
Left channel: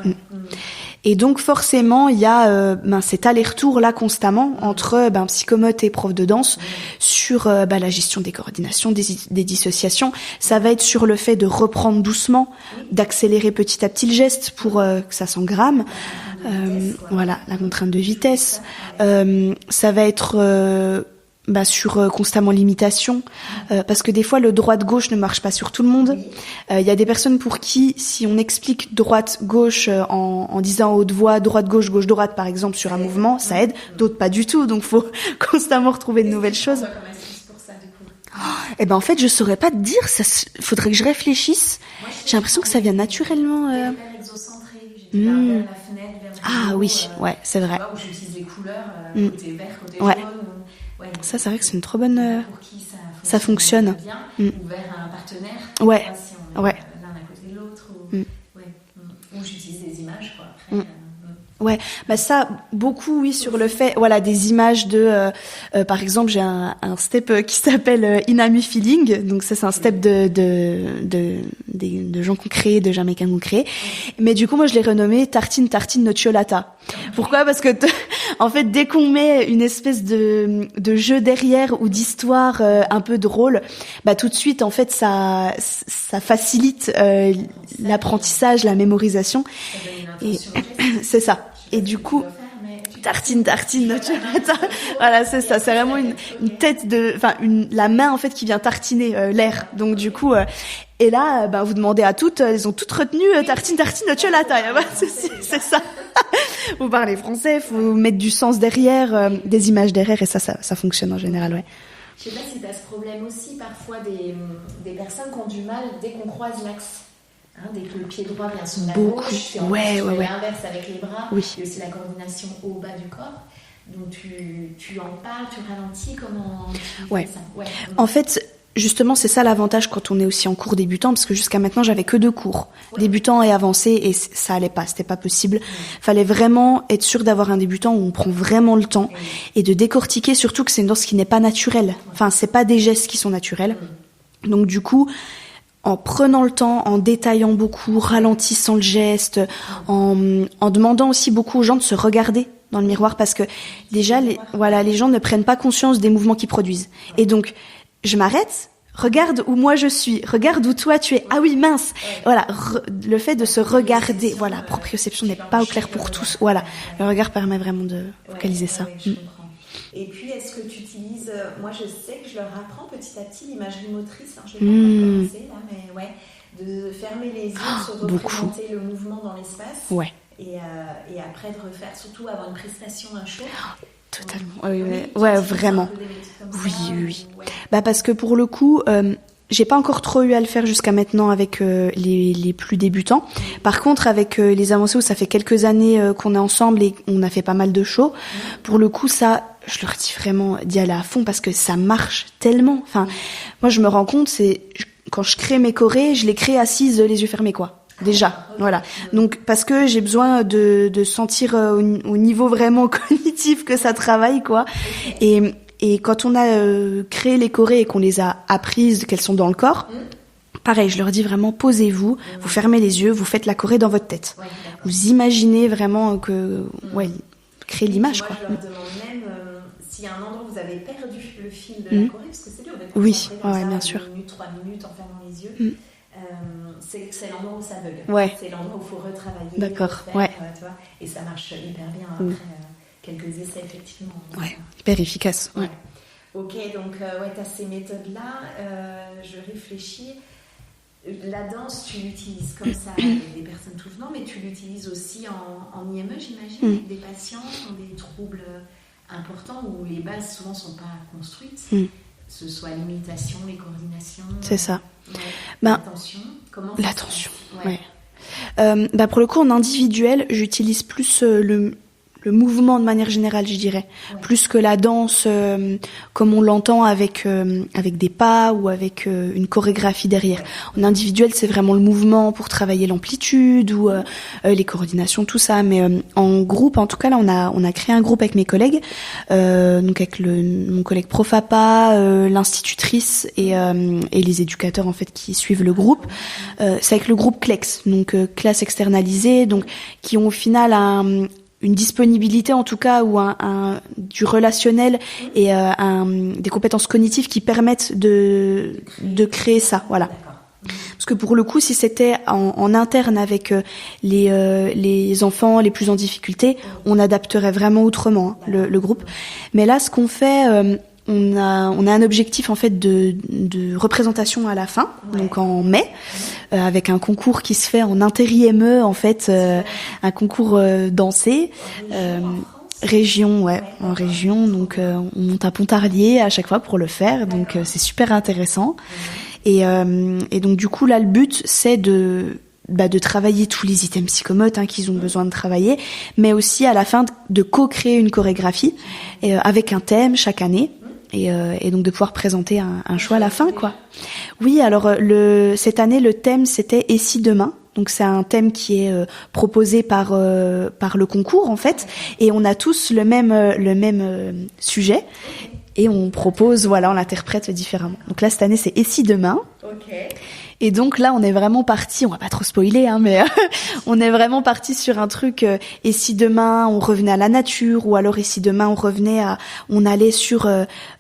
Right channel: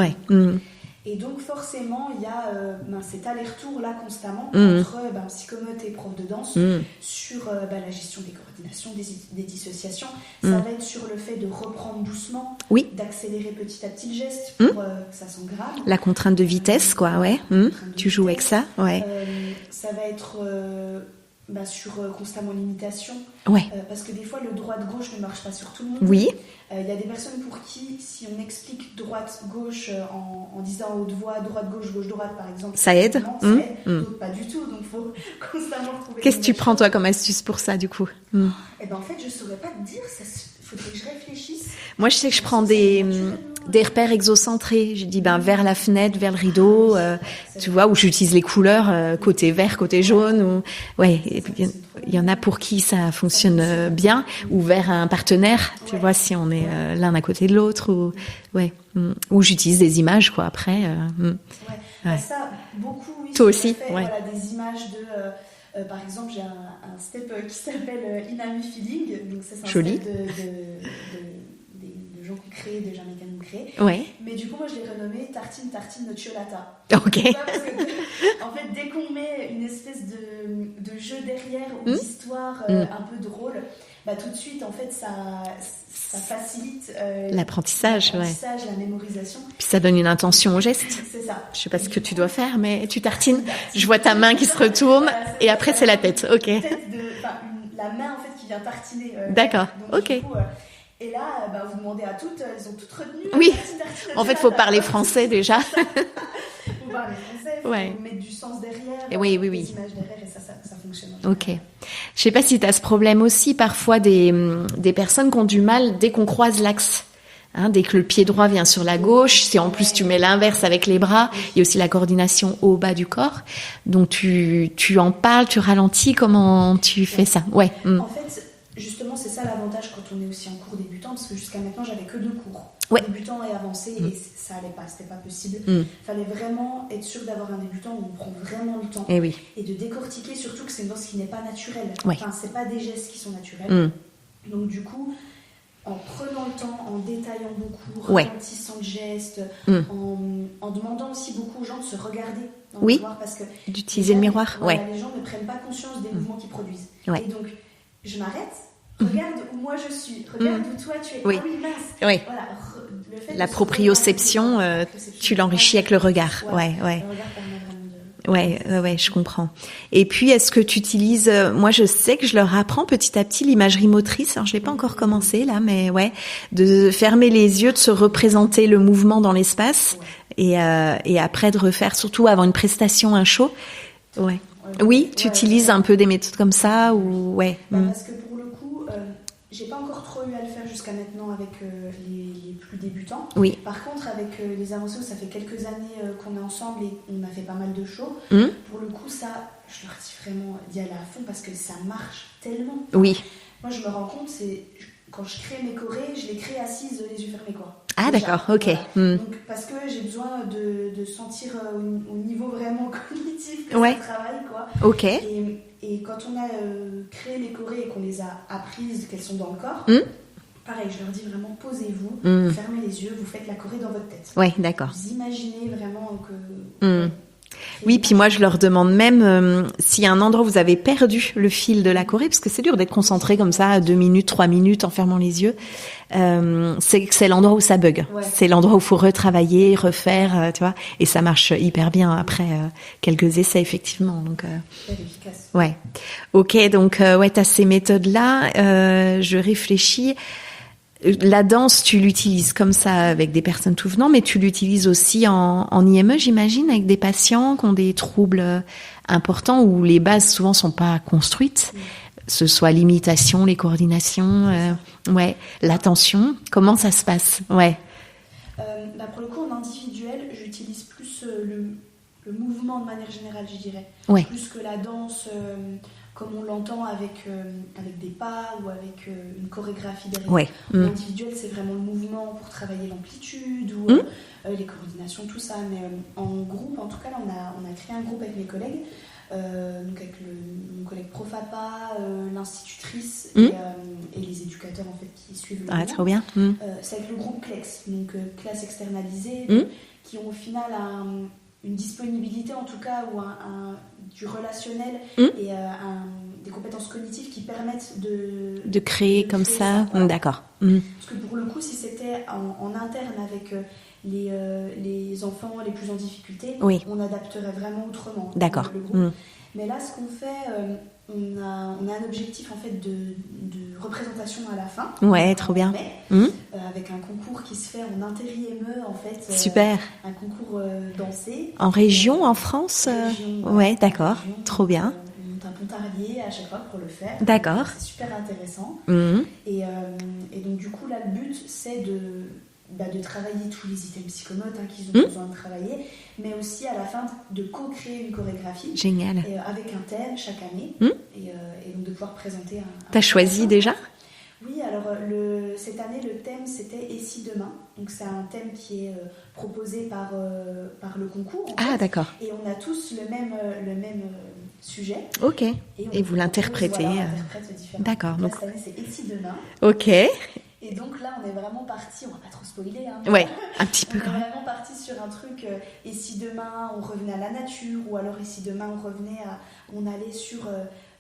Et donc forcément, il y a cet aller-retour là constamment entre psychomote et prof de danse sur la gestion des coordinations, des dissociations. Ça va être sur le fait de reprendre doucement, d'accélérer petit à petit le geste pour que ça s'engramme. La contrainte de vitesse, quoi. La contrainte de vitesse. Ça, ça va être sur constamment l'imitation, parce que des fois le droite-gauche ne marche pas sur tout le monde. Il y a des personnes pour qui, si on explique droite-gauche en disant à haute voix droite-gauche, gauche-droite par exemple, sur un mouvement, ça aide. D'autres pas du tout, donc faut constamment retrouver de nouvelles choses. Qu'est-ce que tu prends toi comme astuce pour ça du coup? En fait je saurais pas te dire, faudrait que je réfléchisse. Moi je sais que je prends ça vient naturellement, des repères exocentrés. Je dis vers la fenêtre, vers le rideau, c'est vrai. Tu vois, où j'utilise les couleurs côté vert, côté jaune. Ça, c'est vrai que c'est une trop bonne. Il y en a pour qui ça fonctionne bien, ou vers un partenaire, tu vois, si on est l'un à côté de l'autre, ou j'utilise des images, quoi, après. Ça, beaucoup, toi sur aussi, le fait, des images de, par exemple, j'ai un step qui s'appelle Inami Feeling, donc ça, c'est un step de gens qu'on crée, de Jamaïcains qu'on crée. Mais du coup, moi, je l'ai renommé Tartine Nocciolata. Pourquoi? Parce que, en fait, dès qu'on met une espèce de jeu derrière ou d'histoire un peu drôle, tout de suite, en fait, ça facilite l'apprentissage, la mémorisation. Ça donne une intention au geste. C'est ça. Je sais pas ce que tu dois faire, mais tu tartines. Je vois ta main qui se retourne. Et après, c'est la tête. Une tête la main, en fait, qui vient tartiner l'air. Donc, du coup, et là, vous demandez à toutes, elles ont toutes retenu tartine, en fait, faut parler français déjà. C'est ça. Faut parler français, faut mettre du sens derrière, des images derrière, et ça fonctionne en général. Je sais pas si tu as ce problème aussi, parfois des personnes qui ont du mal dès qu'on croise l'axe. Dès que le pied droit vient sur la gauche, si en plus tu mets l'inverse avec les bras, il y a aussi la coordination haut-bas du corps. Donc tu en parles, tu ralentis, comment tu fais ça? En fait, justement, c'est ça l'avantage quand on est aussi en cours débutant, parce que jusqu'à maintenant, j'avais que 2 cours, débutant et avancé, et ça allait pas, c'était pas possible. Fallait vraiment être sûr d'avoir un débutant où on prend vraiment le temps et de décortiquer, surtout que c'est une danse qui n'est pas naturelle. Enfin, c'est pas des gestes qui sont naturels. Donc du coup, en prenant le temps, en détaillant beaucoup, ralentissant le geste, en demandant aussi beaucoup aux gens de se regarder dans le miroir, parce que déjà, les gens ne prennent pas conscience des mouvements qu'ils produisent. Et donc, je m'arrête, regarde où moi je suis, regarde où toi tu es. Ah oui, mince. Voilà, le fait de se regarder. Tu l'enrichis avec le regard. Le regard permet vraiment de réaliser ça. Je comprends. Et puis, est-ce que tu utilises... moi, je sais que je leur apprends petit à petit l'imagerie motrice. Alors, je l'ai pas encore commencé, là, mais de fermer les yeux, de se représenter le mouvement dans l'espace. Et après, de refaire, surtout avant une prestation, un show... Oui, tu utilises un peu des méthodes comme ça parce que pour le coup, j'ai pas encore trop eu à le faire jusqu'à maintenant avec les plus débutants. Par contre, avec les avancés où ça fait quelques années qu'on est ensemble et on a fait pas mal de shows, pour le coup, ça, je leur dis vraiment d'y aller à fond parce que ça marche tellement. Moi, je me rends compte, quand je crée mes chorés, je les crée assises, les yeux fermés, quoi. Déjà, voilà. Donc parce que j'ai besoin de sentir au niveau vraiment cognitif que ça travaille, quoi. Et quand on a créé les chorés et qu'on les a apprises, qu'elles sont dans le corps, pareil, je leur dis vraiment posez-vous, vous fermez les yeux, vous faites la choré dans votre tête. Ouais, d'accord. Vous imaginez vraiment que créer Oui, l'image, puis moi quoi. je leur demande même s'il y a un endroit où vous avez perdu le fil de la choré, parce que c'est dur d'être concentré comme ça, bien 2 sûr. minutes, 3 minutes en fermant les yeux. C'est l'endroit où ça bug. Ouais. C'est l'endroit où il faut retravailler, D'accord, refaire, tu vois. Et ça marche hyper bien après quelques essais, effectivement. Donc, Hyper efficace. ouais. Ok, donc ouais, tu as ces méthodes-là. Je réfléchis. La danse, tu l'utilises comme ça avec des personnes tout venant, mais tu l'utilises aussi en IME, j'imagine, avec des patients qui ont des troubles importants où les bases souvent sont pas construites. Ce soit l'imitation, les coordinations, C'est ça. Ouais, l'attention. Comment ça se passe? Ouais. Pour le coup, en individuel, j'utilise plus le mouvement de manière générale, je dirais. Ouais. Plus que la danse comme on l'entend avec des pas ou avec une chorégraphie derrière. Ouais. En individuel, c'est vraiment le mouvement pour travailler l'amplitude ou les coordinations, tout ça. Mais en groupe, en tout cas, là, on a créé un groupe avec mes collègues, donc avec mon collègue Profapa, l'institutrice et les éducateurs en fait qui suivent le groupe. Trop bien. C'est avec le groupe CLEX, donc classe externalisée, donc qui ont au final une disponibilité en tout cas ou du relationnel et des compétences cognitives qui permettent de créer ça. Voilà. D'accord. Parce que pour le coup, si c'était en interne avec les enfants les plus en difficulté, on adapterait vraiment autrement le groupe. Mais là, ce qu'on fait, on a un objectif en fait de représentation à la fin, donc en mai, avec un concours qui se fait en inter-IME en fait, un concours dansé. En région, en France. Région, ouais, d'accord. En région, trop donc, bien. on monte à Pontarlier à chaque fois pour le faire, donc c'est super intéressant. Et donc du coup là, le but c'est de travailler tous les items psychomotes qu'ils ont besoin de travailler, mais aussi à la fin de co-créer une chorégraphie avec un thème chaque année et donc de pouvoir présenter un show à la fin. Déjà quoi. Oui, alors cette année le thème c'était Et si demain. Donc c'est un thème qui est proposé par le concours en fait, et on a tous le même sujet. Ok. Et on propose, on l'interprète différemment. Donc là cette année c'est Et si demain. Ok. Et donc là, on est vraiment parti, on va pas trop spoiler, mais on est vraiment parti sur un truc, et si demain on revenait à la nature, ou alors et si demain on allait sur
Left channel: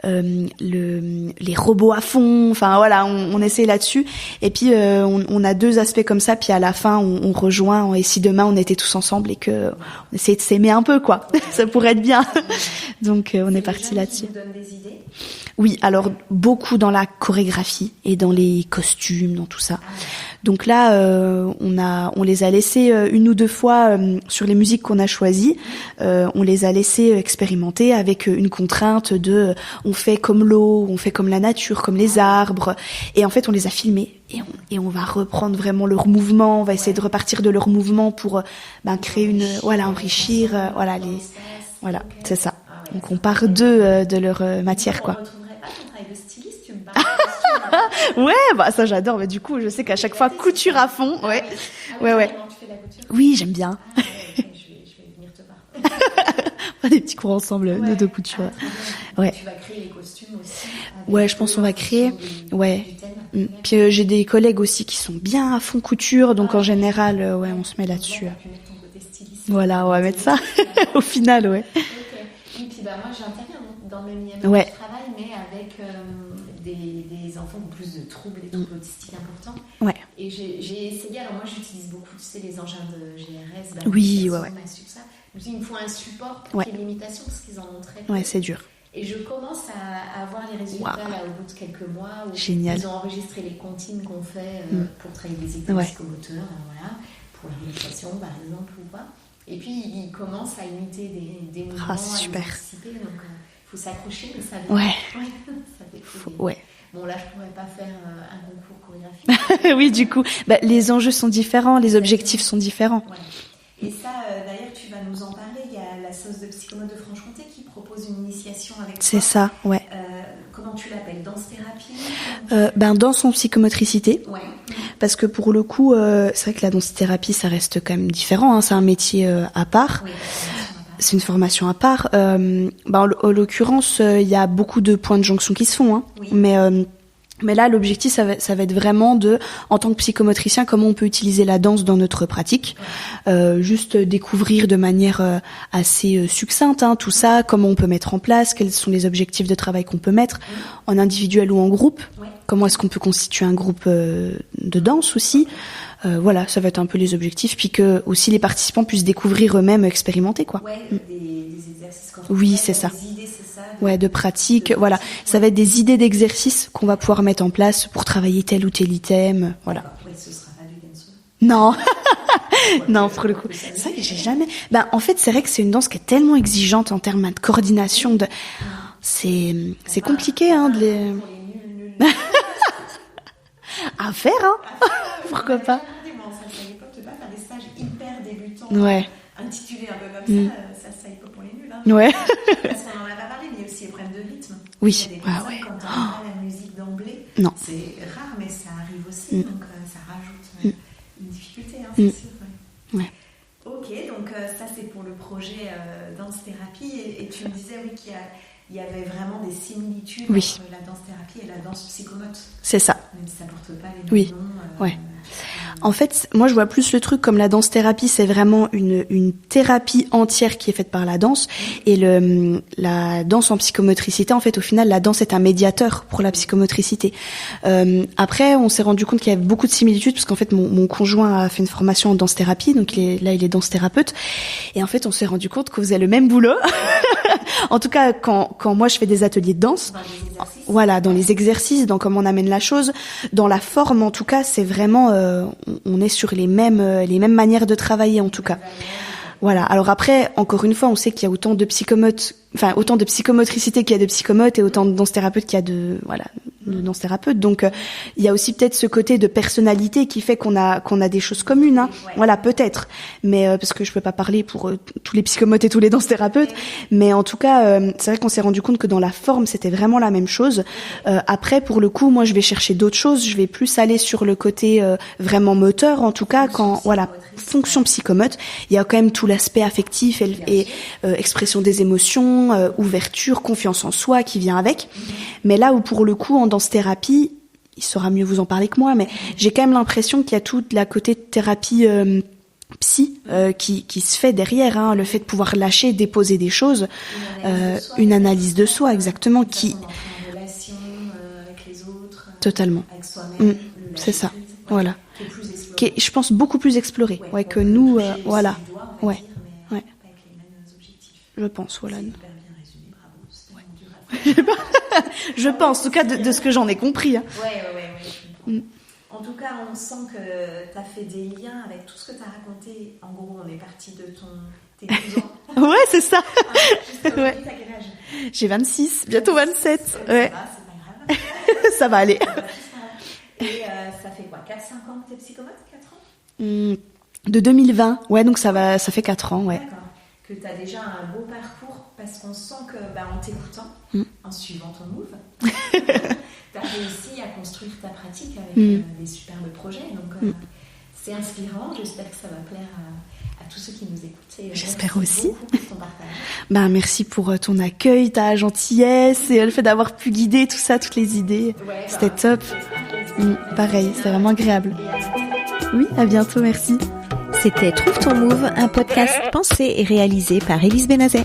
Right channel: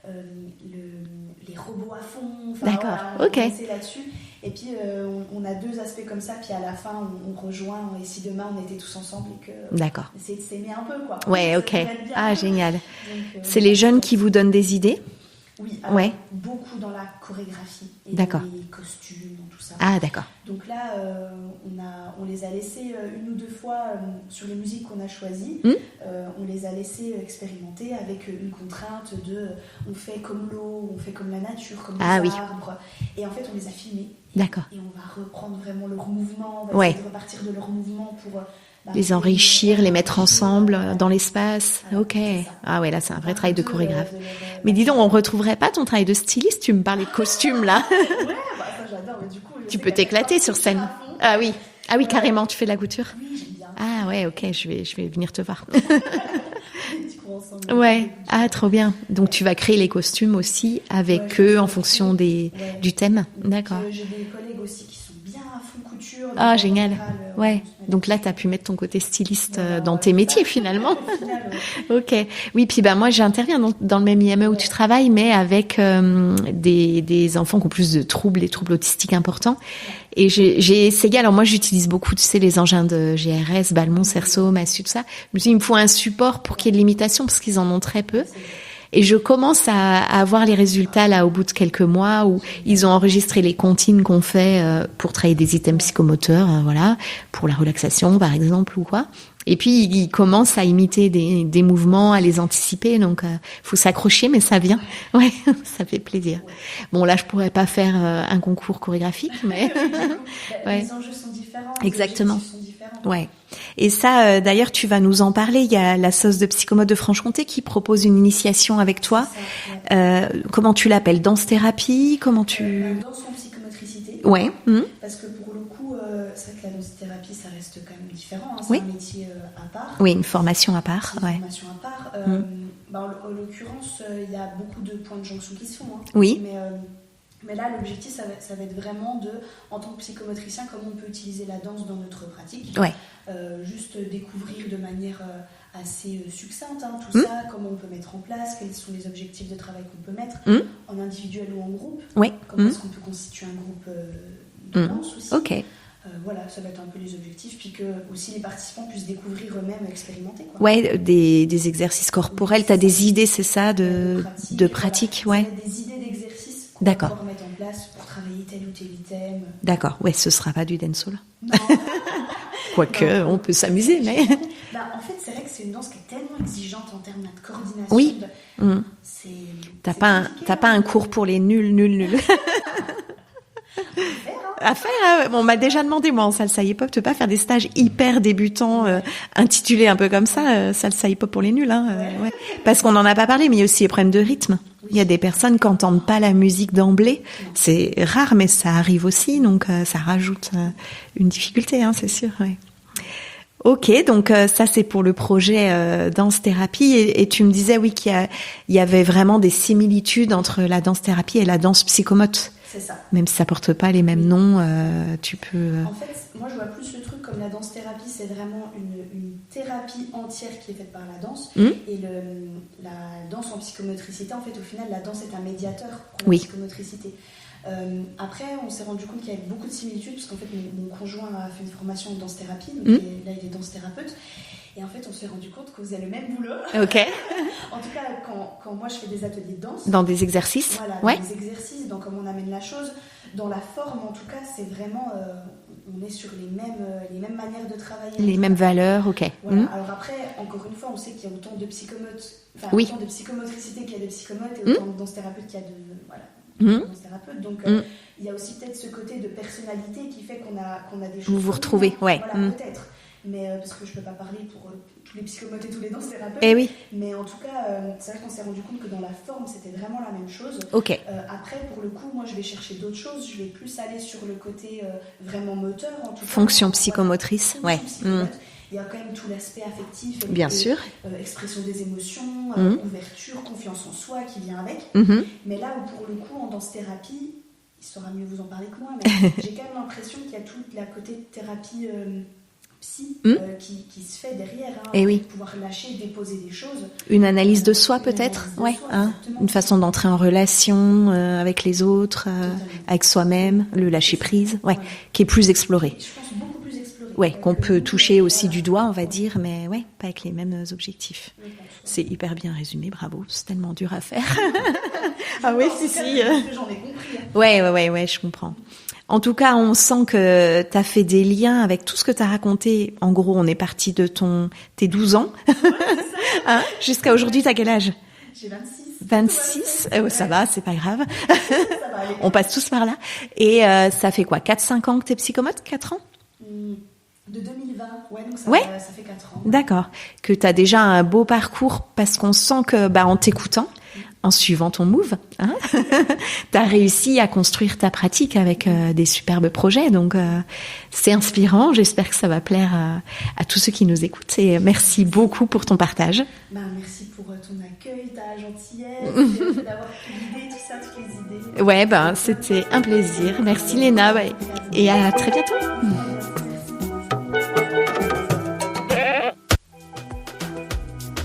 les robots à fond, on essaie là-dessus. Et puis on a 2 aspects comme ça, puis à la fin on rejoint, et si demain on était tous ensemble et que on essayait de s'aimer un peu, quoi. Ça pourrait être bien. Ah, génial. Donc c'est les jeunes qui vous donnent des idées? Oui, alors beaucoup dans la chorégraphie et dans les costumes, dans tout ça. Ah, d'accord. Donc là, on les a laissés 1 ou 2 fois sur les musiques qu'on a choisies. On les a laissés expérimenter avec une contrainte de on fait comme l'eau, on fait comme la nature, comme les arbres. Et en fait, on les a filmés. Et on va reprendre vraiment leur mouvement, on va essayer de repartir de leur mouvement pour les enrichir, les mettre ensemble dans l'espace. Voilà, c'est ça. Ah ouais, là, on part de leur matière. Mais dis donc, on retrouverait pas ton travail de styliste? Tu me parles de costume là. Ouais, ça j'adore. Mais du coup, je sais qu'à chaque fois, couture à fond. Ah oui, carrément. Tu fais de la couture? Oui, j'aime bien. Ah ouais, ok. Je vais venir te voir. Des petits cours ensemble de couture. Ah, trop bien. Donc tu vas créer les costumes aussi avec eux en fonction du thème. Puis j'ai des collègues aussi qui sont bien à fond couture, donc en général, on se met là-dessus. Donc là, tu as pu mettre ton côté styliste dans tes métiers finalement. Au final, Ok. Oui, puis moi, j'interviens dans le même IME où je travaille, mais avec des enfants qui ont plus de troubles, des troubles autistiques importants. Et j'ai essayé, alors moi, j'utilise beaucoup, tu sais, les engins de GRS, Ballon, Cerceau, Massu, tout ça. Je me suis dit, il me faut un support pour qu'il y ait de l'imitation, parce qu'ils en ont très peu. C'est dur. Et je commence à avoir les résultats là au bout de quelques mois où ils ont enregistré les comptines qu'on fait pour travailler des items psychomoteurs, pour la relaxation par exemple ou quoi. Et puis ils commencent à imiter des mouvements, à les anticiper. Donc faut s'accrocher, mais ça vient. Ouais, ça fait plaisir. Bon là, je pourrais pas faire un concours chorégraphique. Mais... oui, du coup, les enjeux sont différents, les objectifs sont différents. Ouais. Et ça, d'ailleurs, tu vas nous en parler. Il y a la sauce de Psychomote de Franche-Comté qui propose une initiation avec toi. C'est ça, comment tu l'appelles? Danse-thérapie? Danse en psychomotricité. Ouais. Parce que pour le coup, c'est vrai que la danse-thérapie, ça reste quand même différent. C'est un métier à part. Oui, une formation à part. C'est une formation à part. En l'occurrence, il y a beaucoup de points de jonction qui se font. Oui. Mais Mais là, l'objectif, ça va être vraiment en tant que psychomotricien, comment on peut utiliser la danse dans notre pratique. Ouais. Juste découvrir de manière assez succincte tout ça, comment on peut mettre en place, quels sont les objectifs de travail qu'on peut mettre, en individuel ou en groupe. Ouais. Comment est-ce qu'on peut constituer un groupe de danse aussi. Okay. Voilà, ça va être un peu les objectifs, puis que aussi les participants puissent découvrir eux-mêmes, expérimenter quoi. Ouais, des exercices corporels, oui, t'as des idées, c'est ça, de pratique. Voilà, ça va être des idées d'exercices qu'on va pouvoir mettre en place pour travailler tel ou tel item. Voilà. D'accord. Ouais, ce sera pas du dancehall. Non. Quoique, on peut s'amuser. Jamais. En fait, c'est vrai que c'est une danse qui est tellement exigeante en termes de coordination. C'est compliqué. T'as pas un cours pour les nuls. À faire. On m'a déjà demandé, moi, en salsa hip-hop, de pas faire des stages hyper débutants, intitulés un peu comme ça, salsa hip-hop pour les nuls. Parce qu'on en a pas parlé, mais il y a aussi les problèmes de rythme. Oui. Il y a des personnes qui n'entendent pas la musique d'emblée. Non. C'est rare, mais ça arrive aussi, donc ça rajoute une difficulté, c'est sûr. Ouais. Ok, donc ça c'est pour le projet danse-thérapie et tu me disais qu'il y avait vraiment des similitudes entre la danse-thérapie et la danse psychomote. C'est ça. Même si ça porte pas les mêmes noms, tu peux... En fait, moi je vois plus le truc comme la danse-thérapie, c'est vraiment une thérapie entière qui est faite par la danse et la danse en psychomotricité, en fait au final la danse est un médiateur pour la psychomotricité. Après on s'est rendu compte qu'il y avait beaucoup de similitudes parce qu'en fait mon conjoint a fait une formation en danse-thérapie, donc il est danse-thérapeute et en fait on s'est rendu compte qu'on faisait le même boulot. Okay. En tout cas quand moi je fais des ateliers de danse. Dans des exercices. Voilà, dans les exercices, dans comment on amène la chose, dans la forme en tout cas, c'est vraiment on est sur les mêmes manières de travailler en tout cas. Les mêmes valeurs, ok. Voilà. Alors après, encore une fois, on sait qu'il y a autant de psychomotes, autant de psychomotricité qu'il y a de psychomotes et autant de danse-thérapeutes qu'il y a de danse-thérapeutes. Donc il y a aussi peut-être ce côté de personnalité qui fait qu'on a des choses communes. Voilà, peut-être. Mais parce que je peux pas parler pour tous les psychomotes et tous les danse-thérapeutes. Mais en tout cas, c'est vrai qu'on s'est rendu compte que dans la forme, c'était vraiment la même chose. Okay. Après, pour le coup, moi, je vais chercher d'autres choses. Je vais plus aller sur le côté vraiment moteur, en tout cas. Fonction psychomotrice. Fonction psychomote. Il y a quand même tout l'aspect affectif et expression des émotions, ouverture, confiance en soi qui vient avec. Mais là où, pour le coup, en danse-thérapie, il saura mieux vous en parler que moi, mais j'ai quand même l'impression qu'il y a toute la côté thérapie psy qui se fait derrière, le fait de pouvoir lâcher, déposer des choses, une analyse de soi, une analyse de soi, exactement, une façon d'entrer en relation avec les autres, totalement, avec soi-même, le lâcher prise, voilà, qui est plus exploré, qui est, je pense, beaucoup plus exploré, qu'on que peut nous, toucher aussi du doigt, on va dire, mais pas avec les mêmes objectifs. Je pense. Voilà. C'est hyper bien résumé, bravo, c'est tellement dur à faire. Je pense, en tout cas, de ce que j'en ai compris. Ouais, je comprends. En tout cas, on sent que tu as fait des liens avec tout ce que tu as raconté. En gros, on est parti de tes 12 ans. Ouais, c'est ça. Jusqu'à aujourd'hui, t'as quel âge? J'ai 26, bientôt 27. Ça va, c'est pas grave. Ça va aller. On passe tous par là. Et ça fait quoi, 4-5 ans que t'es psychomote? 4 ans? De 2020. Ouais, donc ça fait 4 ans. Ouais. D'accord. Que t'as déjà un beau parcours parce qu'on sent que, en t'écoutant, en suivant ton move, t'as réussi à construire ta pratique avec des superbes projets. Donc, c'est inspirant. J'espère que ça va plaire à tous ceux qui nous écoutent. Et merci beaucoup pour ton partage. Merci pour ton accueil, ta gentillesse et le fait d'avoir pu guider tout ça, toutes les idées. Ouais, c'était un plaisir. Merci Léna. Vraiment agréable. Et à très bientôt. Oui, à bientôt. Merci. C'était Trouve ton Move, un podcast pensé et réalisé par Élise Benazet.